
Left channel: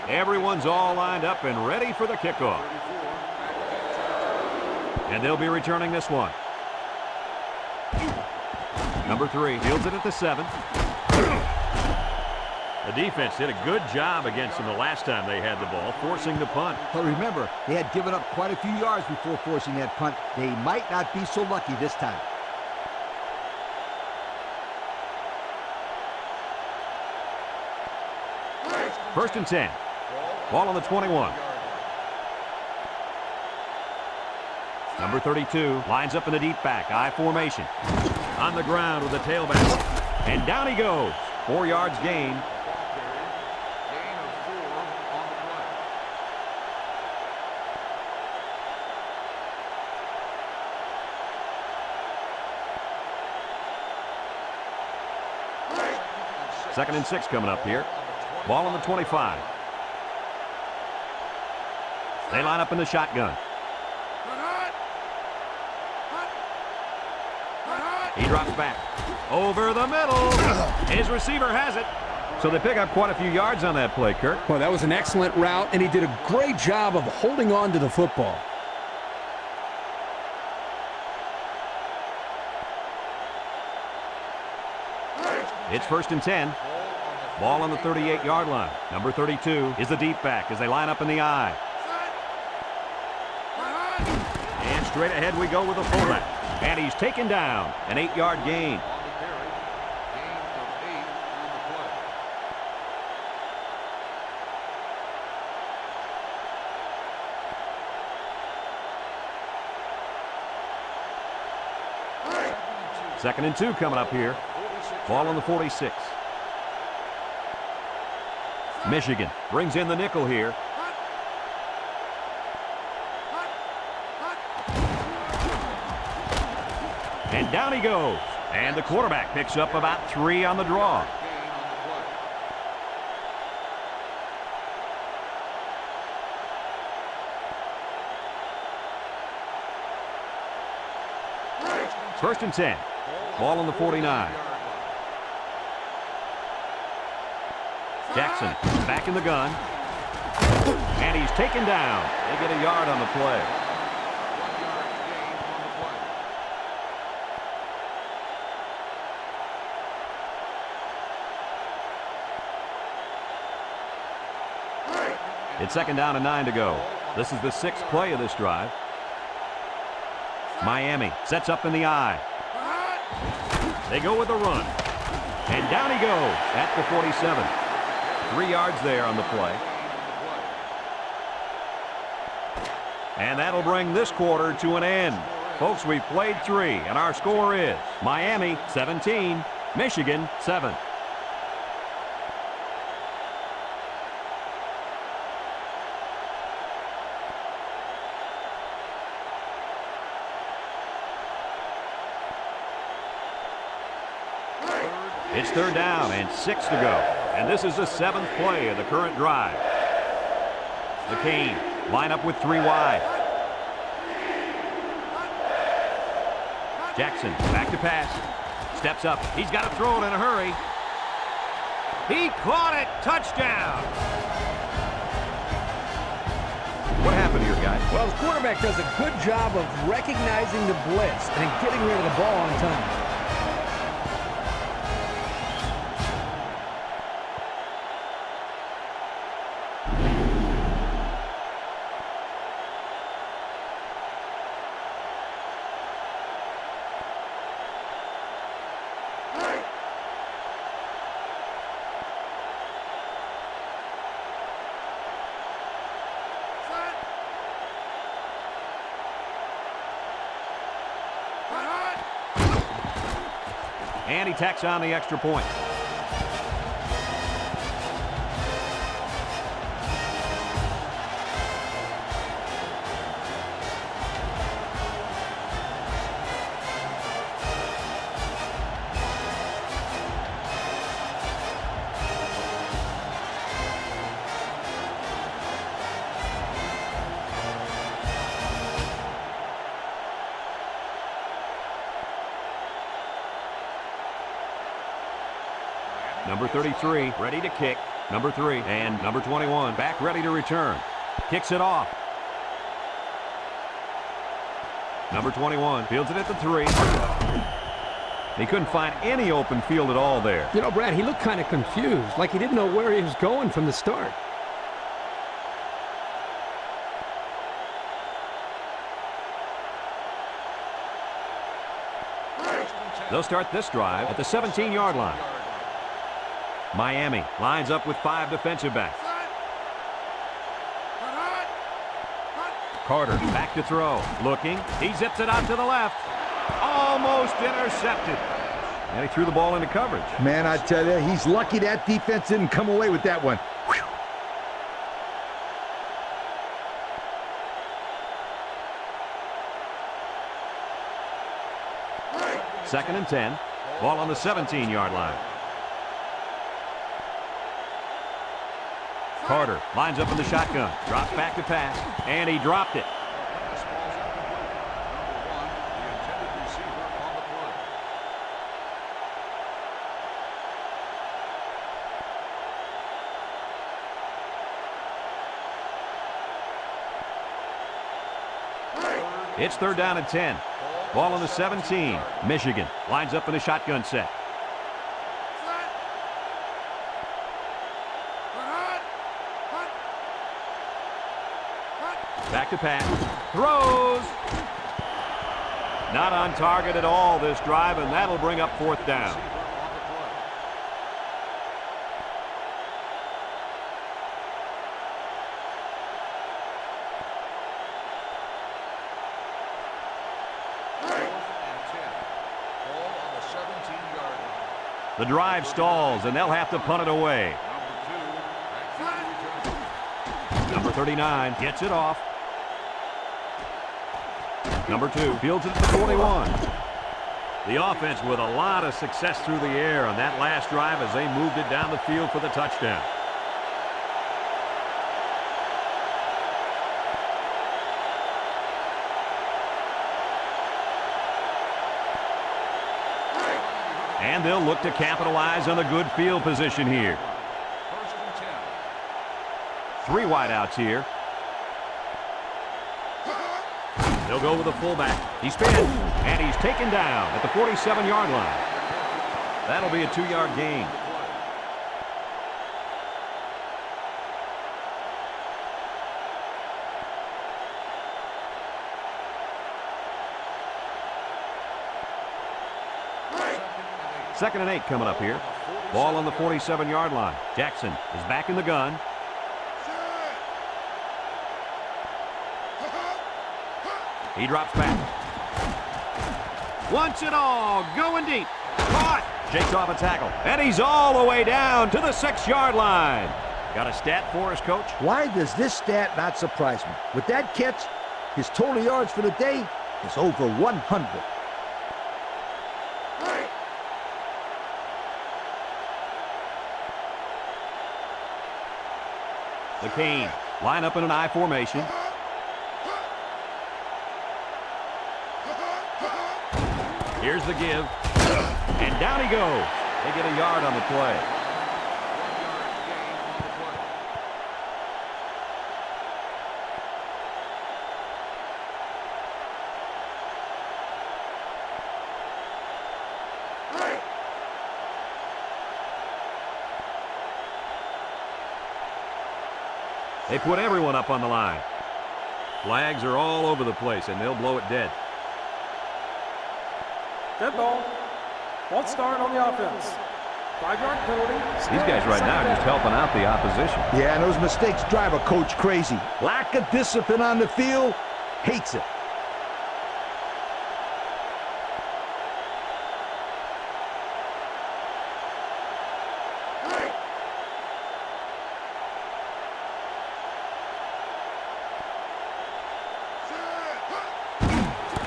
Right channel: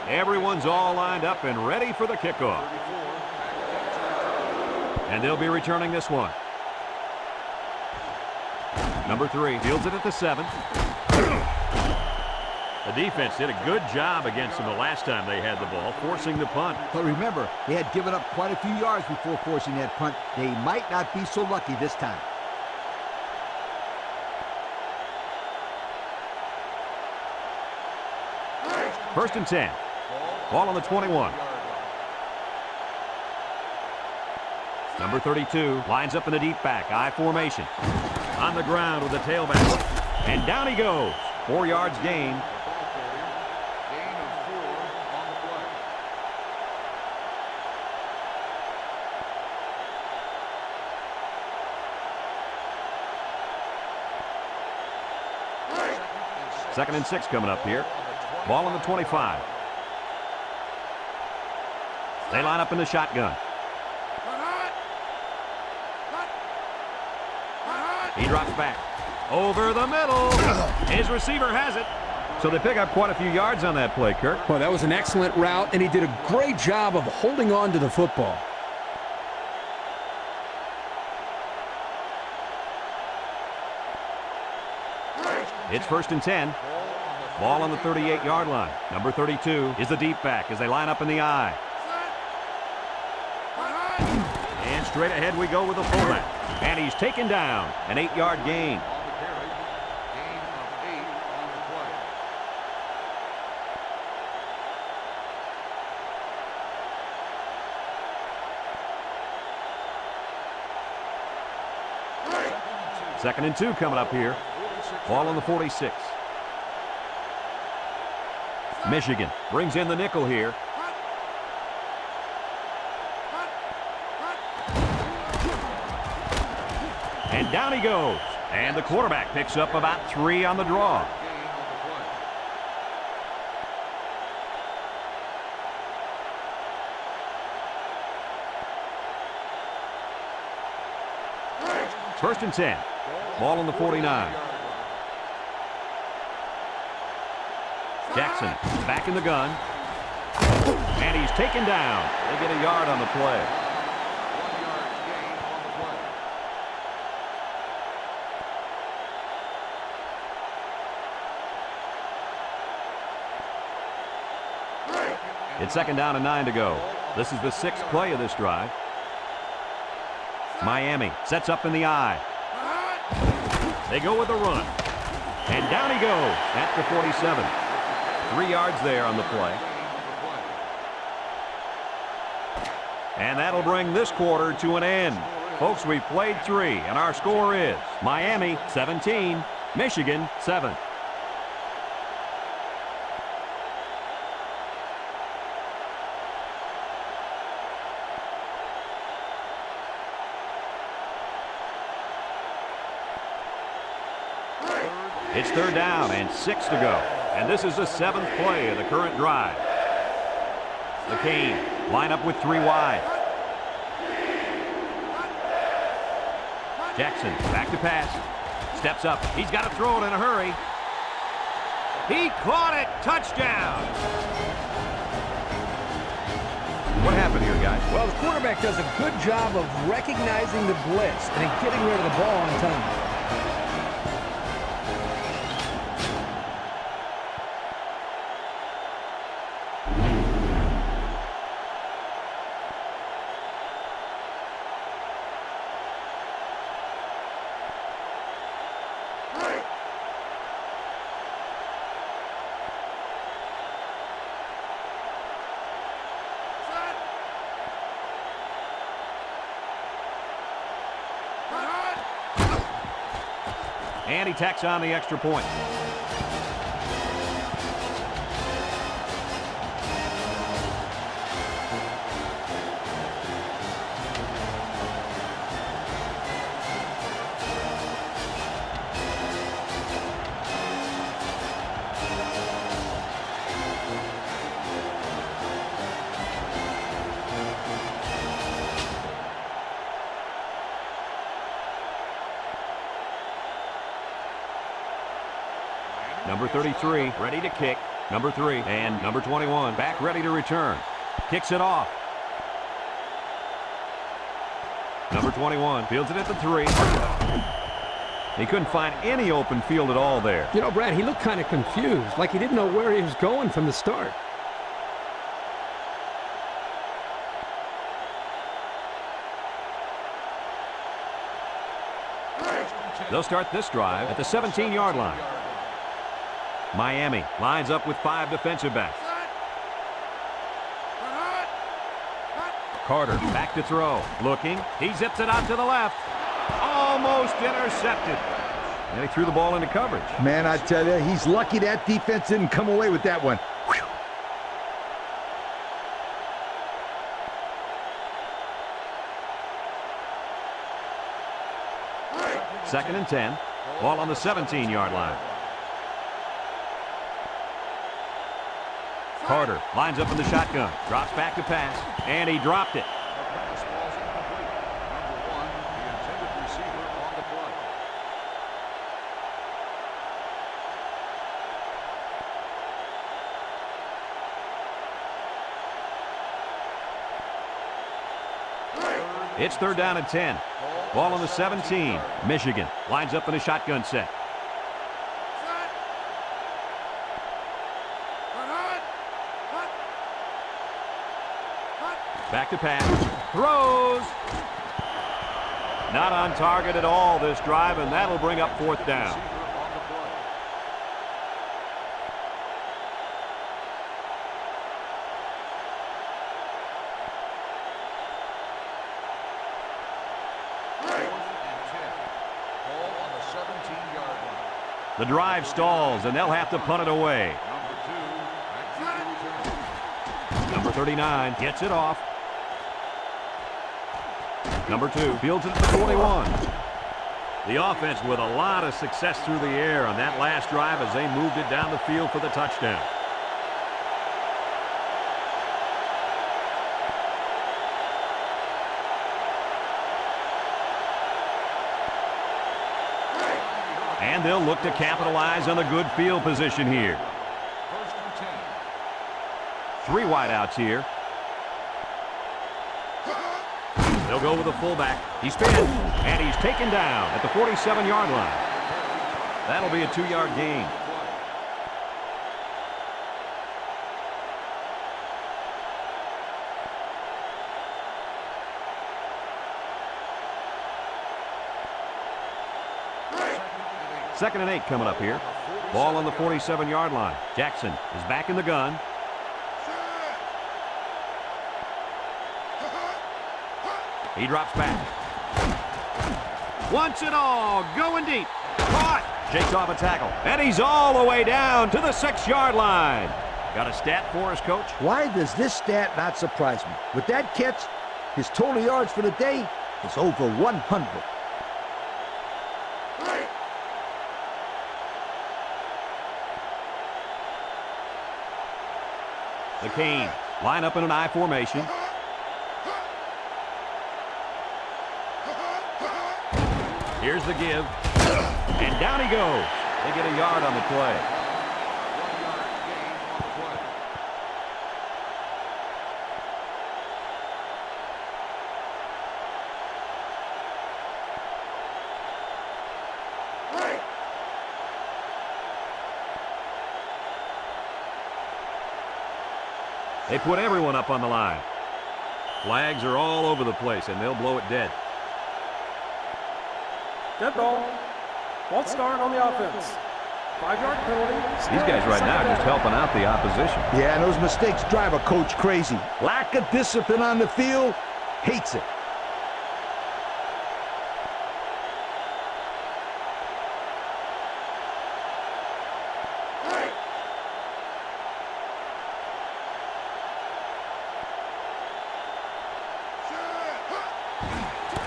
Everyone's all lined up and ready for the kickoff. And they'll be returning this one. Number 3 fields it at the 7. The defense did a good job against them the last time they had the ball, forcing the punt. But remember, they had given up quite a few yards before forcing that punt. They might not be so lucky this time. First and 10. Ball on the 21. Number 32 lines up in the deep back, I formation. On the ground with the tailback. And down he goes. 4 yards gain. Ball carrier, gain of 4 on the play. Second and 6 coming up here. Ball on the 25. They line up in the shotgun. He drops back. Over the middle. His receiver has it. So they pick up quite a few yards on that play, Kirk. Well, that was an excellent route, and he did a great job of holding on to the football. It's first and 10. Ball on the 38-yard line. Number 32 is the deep back as they line up in the I. And straight ahead we go with the fullback. And he's taken down. An 8-yard gain. On the carry, gain of 8 on the play. Second and 2 coming up here. Ball on the 46. Michigan brings in the nickel here. And down he goes. And the quarterback picks up about 3 on the draw. Gain on the play. First and 10. Ball on the 49. Jackson back in the gun. And he's taken down. They get a yard on the play. 1 yard gain on the play. It's second down and 9 to go. This is the 6th play of this drive. Miami sets up in the I. They go with a run. And down he goes at the 47. 3 yards there on the play. And that'll bring this quarter to an end. Folks, we've played 3, and our score is Miami 17, Michigan 7. It's third down and 6 to go. And this is the 7th play of the current drive. The Canes line up with 3 wide. Jackson back to pass. Steps up. He's got to throw it in a hurry. He caught it. Touchdown. What happened here, guys? Well, the quarterback does a good job of recognizing the blitz and getting rid of the ball on time. And he tacks on the extra point. Number 33, ready to kick. Number 3 and number 21, back ready to return. Kicks it off. Number 21 fields it at the 3. He couldn't find any open field at all there. You know, Brad, he looked kind of confused, like he didn't know where he was going from the start. They'll start this drive at the 17-yard line. Miami lines up with 5 defensive backs. Carter back to throw. Looking. He zips it out to the left. Almost intercepted. And he threw the ball into coverage. Man, I tell you, he's lucky that defense didn't come away with that one. Whew. Second and 10. Ball on the 17-yard line. Carter lines up in the shotgun. Drops back to pass. And he dropped it. Pass ball's incomplete. Number 1, the intended receiver on the play. It's third down and 10. Ball on the 17. Michigan lines up in a shotgun set. Back to pass. Throws. Not on target at all this drive, and that'll bring up fourth down. The drive stalls, and they'll have to punt it away. Number 39 gets it off. Number 2 fields it at the 21. The offense with a lot of success through the air on that last drive as they moved it down the field for the touchdown. And they'll look to capitalize on the good field position here. 3 wideouts here. They'll go with the fullback. He spins, and he's taken down at the 47-yard line. That'll be a 2-yard gain. Second and 8 coming up here. Ball on the 47-yard line. Jackson is back in the gun. He drops back. Wants it all. Going deep. Caught. Shakes off a tackle. And he's all the way down to the 6-yard line. Got a stat for us, Coach? Why does this stat not surprise me? With that catch, his total yards for the day is over 100. The Canes line up in an I formation. Here's the give. And down he goes. They get a yard on the play. 1-yard gain on the play. They put everyone up on the line. Flags are all over the place, and they'll blow it dead. Dead ball. False start on the offense. 5-yard penalty. These guys right now are just helping out the opposition. Yeah, and those mistakes drive a coach crazy. Lack of discipline on the field, hates it.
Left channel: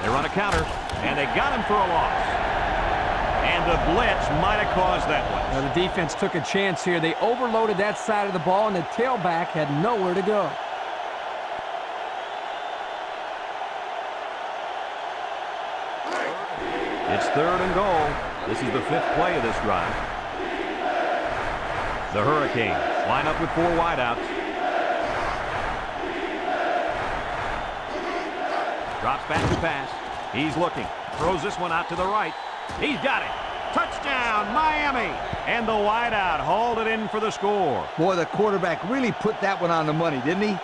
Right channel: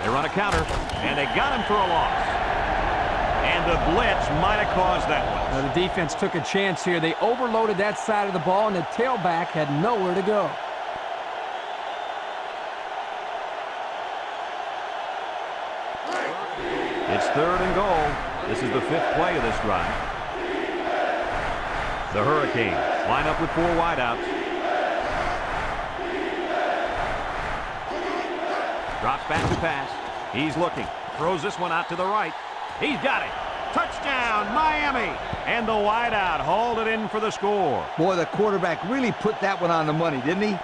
They run a counter, and they got him for a loss. And the blitz might have caused that one. Now, the defense took a chance here. They overloaded that side of the ball, and the tailback had nowhere to go. It's 3rd and goal. This is the 5th play of this drive. The Hurricanes line up with 4 wideouts. Drops back to pass. He's looking. Throws this one out to the right. He's got it. Touchdown, Miami. And the wideout hauled it in for the score. Boy, the quarterback really put that one on the money, didn't he?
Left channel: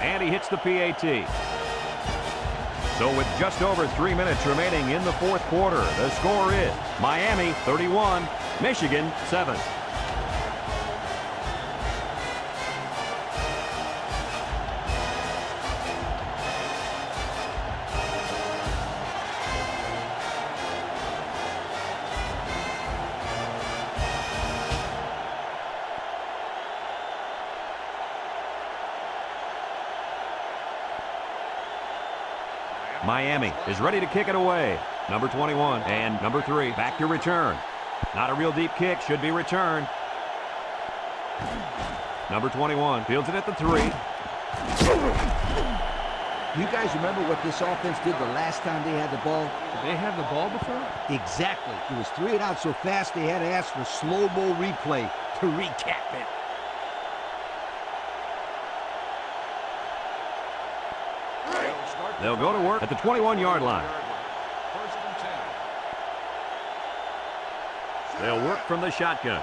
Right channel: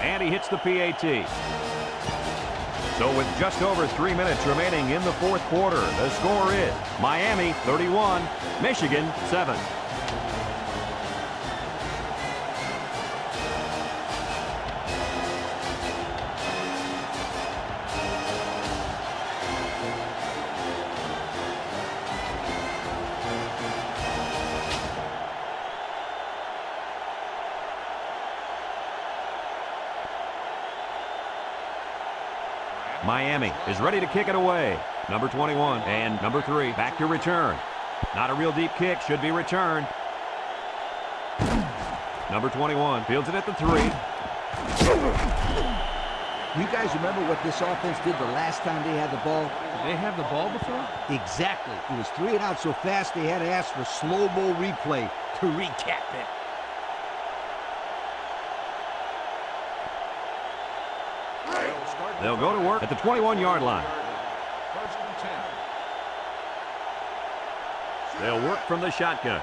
And he hits the PAT. So with just over 3 minutes remaining in the 4th quarter, the score is Miami 31, Michigan 7. Miami is ready to kick it away. Number 21 and number 3 back to return. Not a real deep kick, should be returned. Number 21 fields it at the 3. You guys remember what this offense did the last time they had the ball? Did they have the ball before? Exactly. It was 3 and out so fast they had to ask for slow-mo replay to recap it. They'll go to work at the 21-yard line. 1st and 10. They'll work from the shotgun.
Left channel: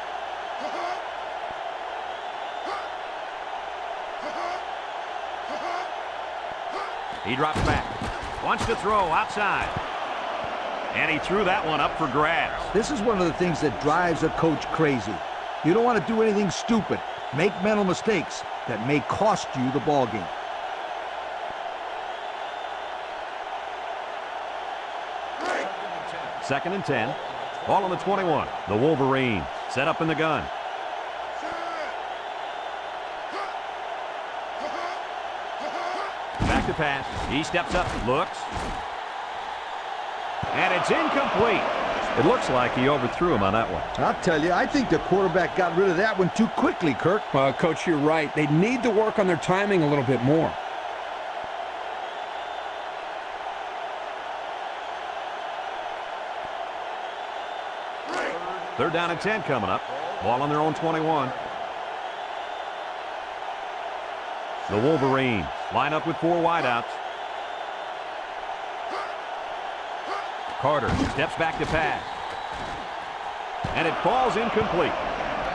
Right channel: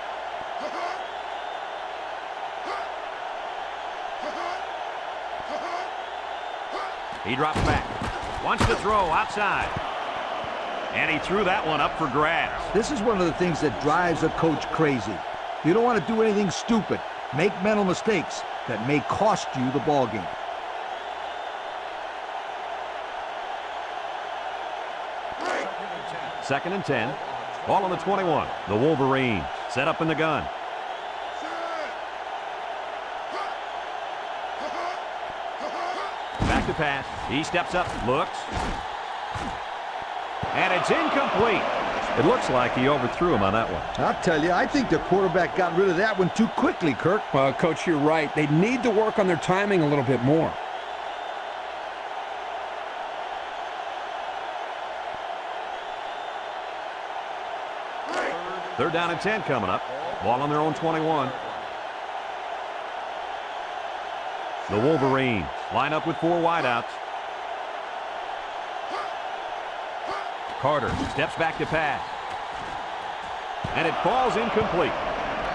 He drops back. Wants to throw outside. And he threw that one up for grabs. This is one of the things that drives a coach crazy. You don't want to do anything stupid. Make mental mistakes that may cost you the ball game. Second and 10. Ball on the 21. The Wolverines set up in the gun. Back to pass. He steps up, looks. And it's incomplete. It looks like he overthrew him on that one. I'll tell you, I think the quarterback got rid of that one too quickly, Kirk. Well, Coach, you're right. They need to work on their timing a little bit more. Third down and 10 coming up. Ball on their own 21. The Wolverines line up with 4 wideouts. Carter steps back to pass. And it falls incomplete.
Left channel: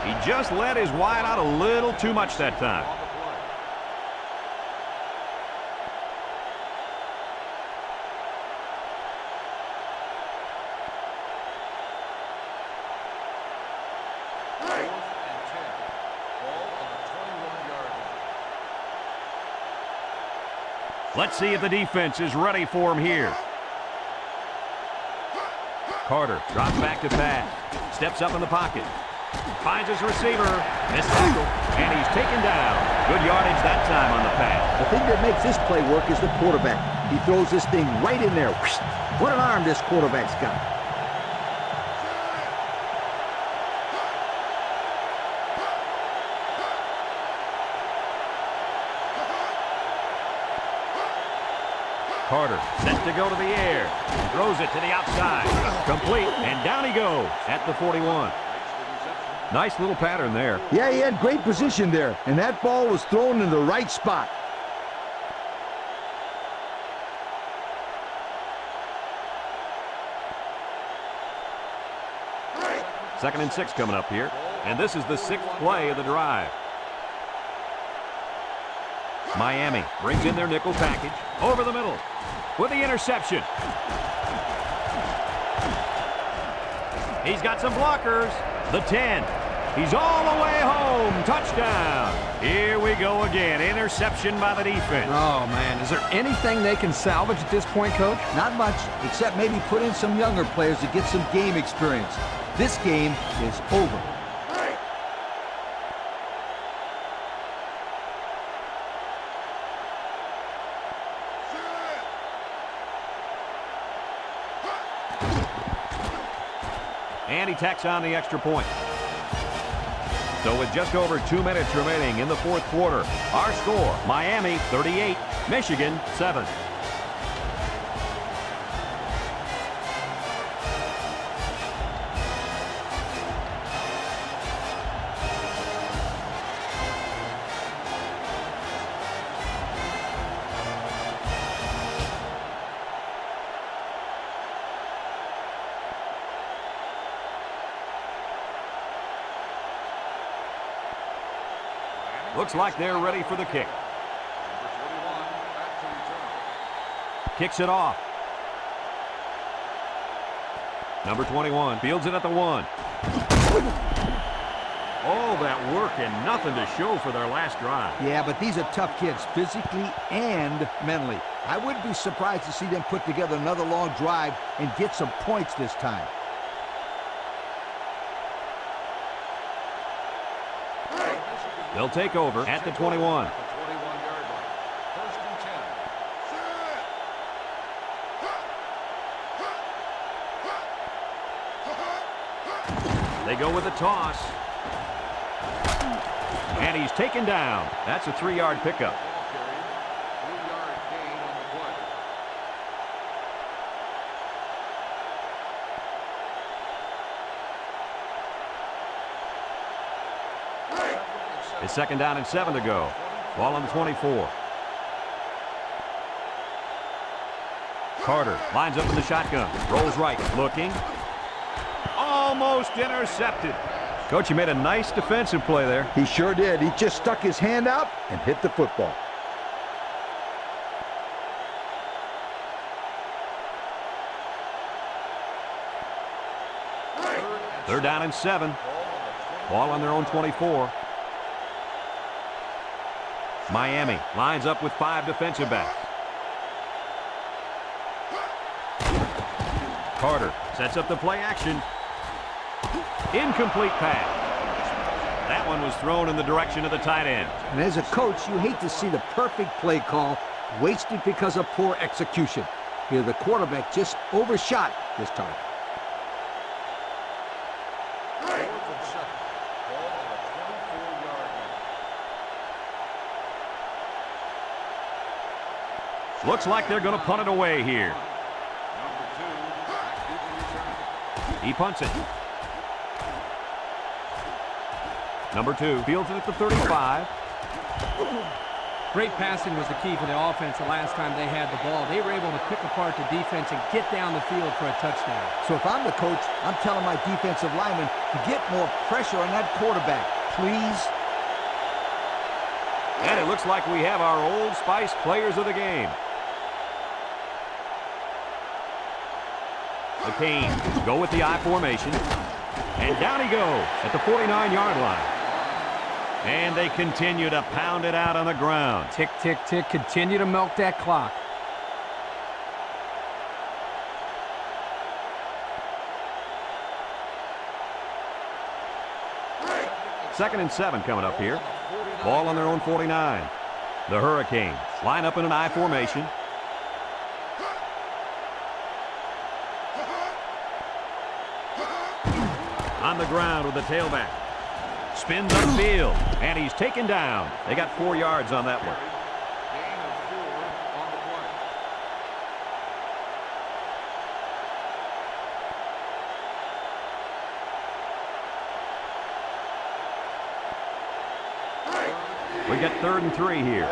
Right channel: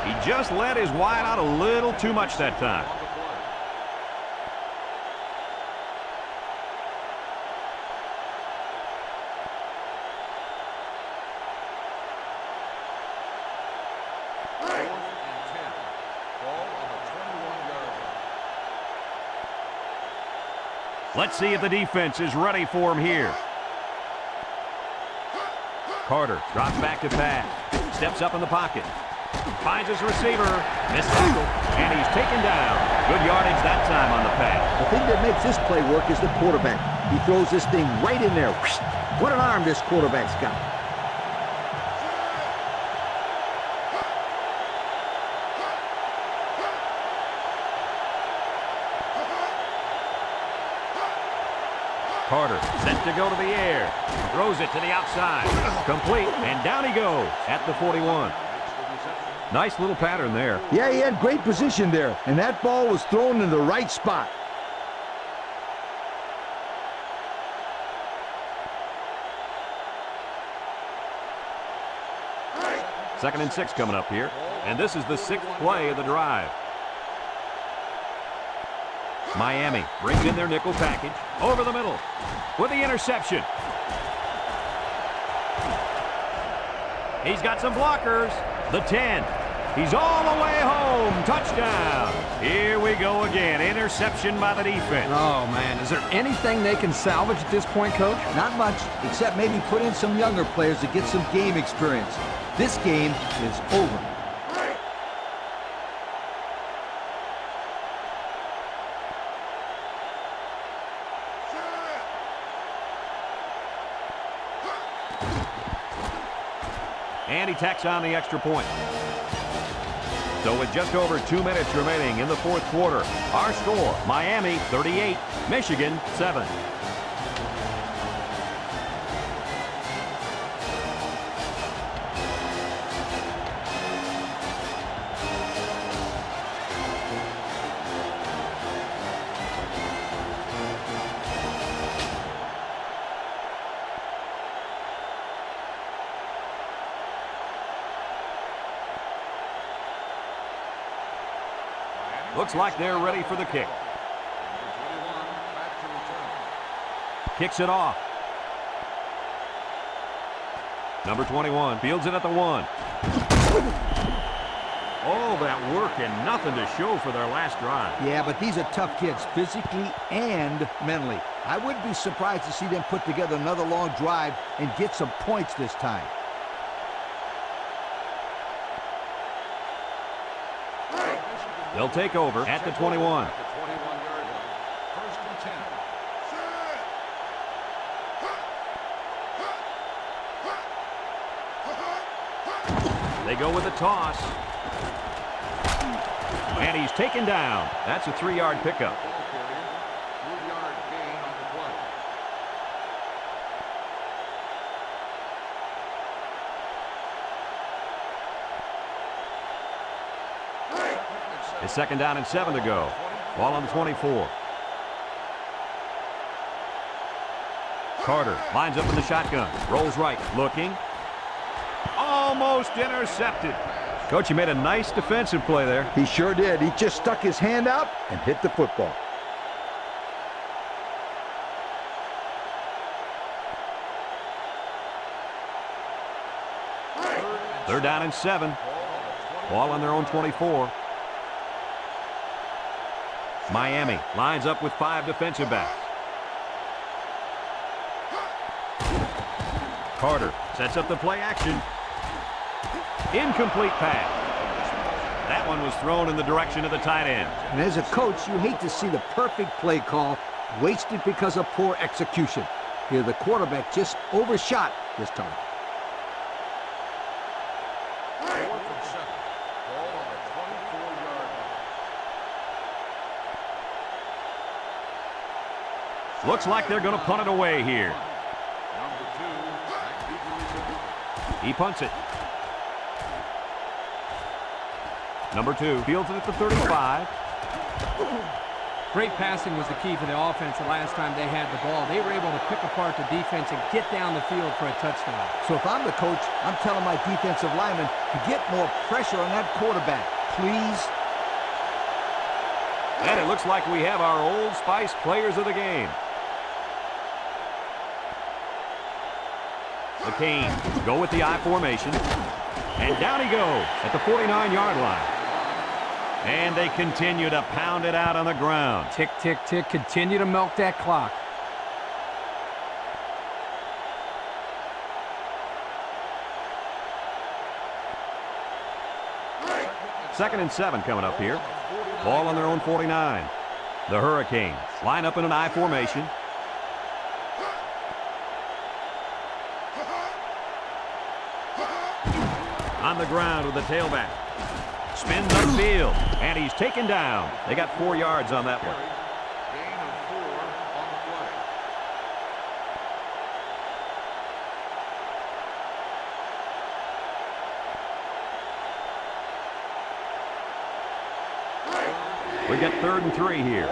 He just let his wideout a little too much that time. Let's see if the defense is ready for him here. Carter drops back to pass. Steps up in the pocket. Finds his receiver. Missed tackle. And he's taken down. Good yardage that time on the pass. The thing that makes this play work is the quarterback. He throws this thing right in there. What an arm this quarterback's got. Carter set to go to the air. Throws it to the outside. Complete, and down he goes at the 41. Nice little pattern there. Yeah, he had great position there, and that ball was thrown in the right spot. Second and 6 coming up here. And this is the 6th play of the drive. Miami brings in their nickel package over the middle with the interception. He's got some blockers. The 10. He's all the way home. Touchdown. Here we go again. Interception by the defense. Oh, man. Is there anything they can salvage at this point, Coach? Not much, except maybe put in some younger players to get some game experience. This game is over. And he tacks on the extra point. So with just over 2 minutes remaining in the fourth quarter, our score, Miami 38, Michigan 7. Looks like they're ready for the kick. Number 21, back to return. Kicks it off. Number 21 fields it at the 1. All that work and nothing to show for their last drive. Yeah, but these are tough kids, physically and mentally. I wouldn't be surprised to see them put together another long drive and get some points this time. They'll take over at the 21. At the 21-yard line. First and 10. They go with a toss. And he's taken down. That's a 3-yard pickup. Ball carrier, 3-yard gain on the play. It's second down and 7 to go. Ball on the 24. Carter lines up in the shotgun. Rolls right. Looking. Almost intercepted. Coach, you made a nice defensive play there. He sure did. He just stuck his hand out and hit the football. Third down and 7. Ball on their own 24. Miami lines up with 5 defensive backs. Carter sets up the play action. Incomplete pass. That one was thrown in the direction of the tight end. And as a coach, you hate to see the perfect play call wasted because of poor execution. Here, the quarterback just overshot his target. 4th and 7. Ball on the 24-yard line. Looks like they're going to punt it away here. Number 2, back deep to return. He punts it. Number 2 fields it at the 35. Great passing was the key for the offense the last time they had the ball. They were able to pick apart the defense and get down the field for a touchdown. So if I'm the coach, I'm telling my defensive linemen to get more pressure on that quarterback, please. And it looks like we have our Old Spice players of the game. The Canes go with the I formation. And down he goes at the 49-yard line. And they continue to pound it out on the ground. Tick, tick, tick. Continue to milk that clock. Second and 7 coming up here. Ball on their own 49. The Hurricanes line up in an I formation. On the ground with the tailback. Spins upfield, and he's taken down. They got 4 yards on that one. Gain of 4 on the play. We get 3rd and 3 here.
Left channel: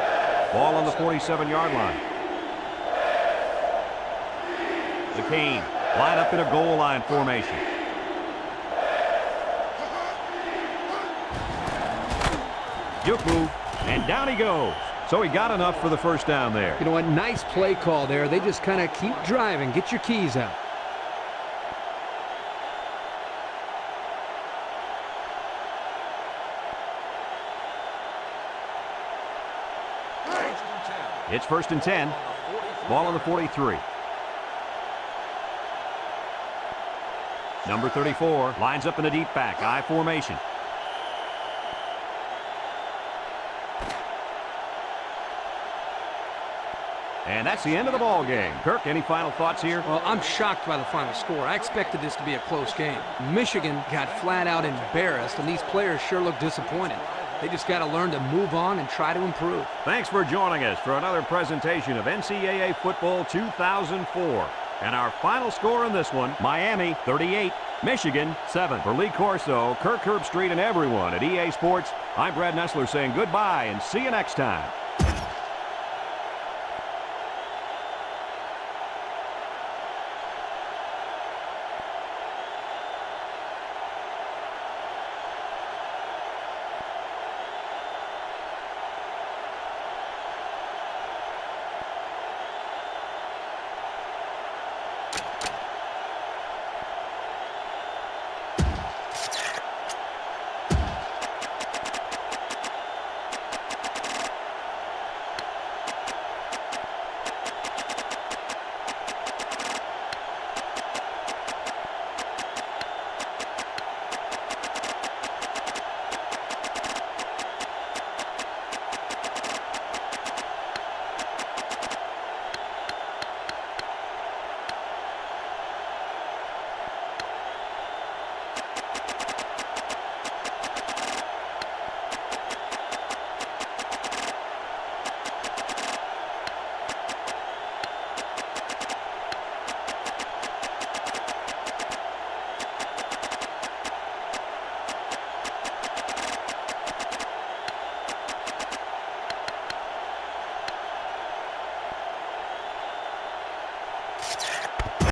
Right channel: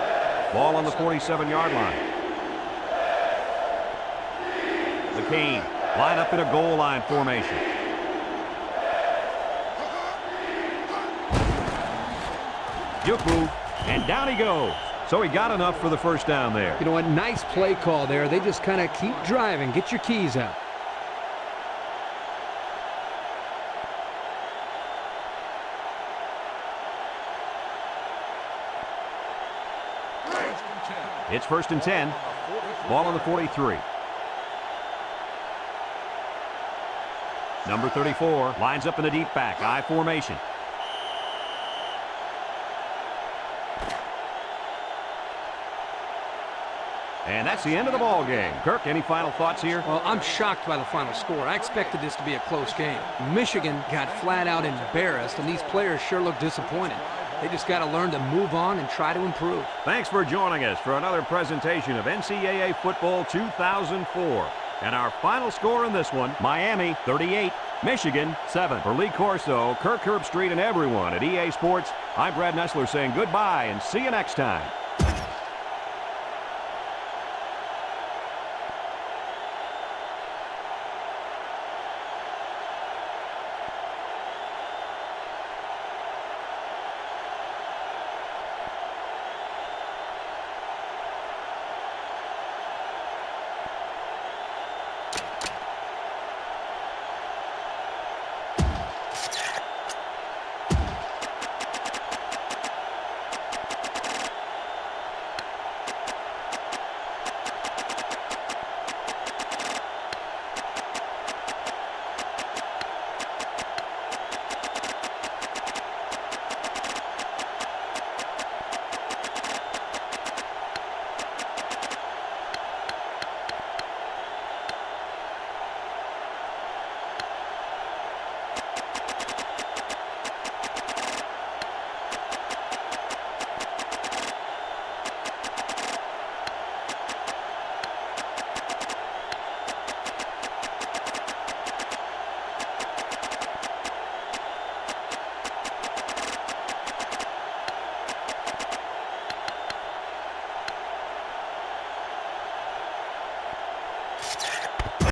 Ball on the 47-yard line. The Cane line up in a goal line formation. Juke move, and down he goes. So he got enough for the first down there. You know what? Nice play call there. They just kind of keep driving. Get your keys out. It's 1st and 10. Ball on the 43. Number 34 lines up in a deep back, I formation. And that's the end of the ball game. Kirk, any final thoughts here? Well, I'm shocked by the final score. I expected this to be a close game. Michigan got flat out embarrassed, and these players sure look disappointed. They just got to learn to move on and try to improve. Thanks for joining us for another presentation of NCAA Football 2004. And our final score in this one, Miami 38, Michigan 7. For Lee Corso, Kirk Herbstreit, and everyone at EA Sports, I'm Brad Nessler saying goodbye and see you next time.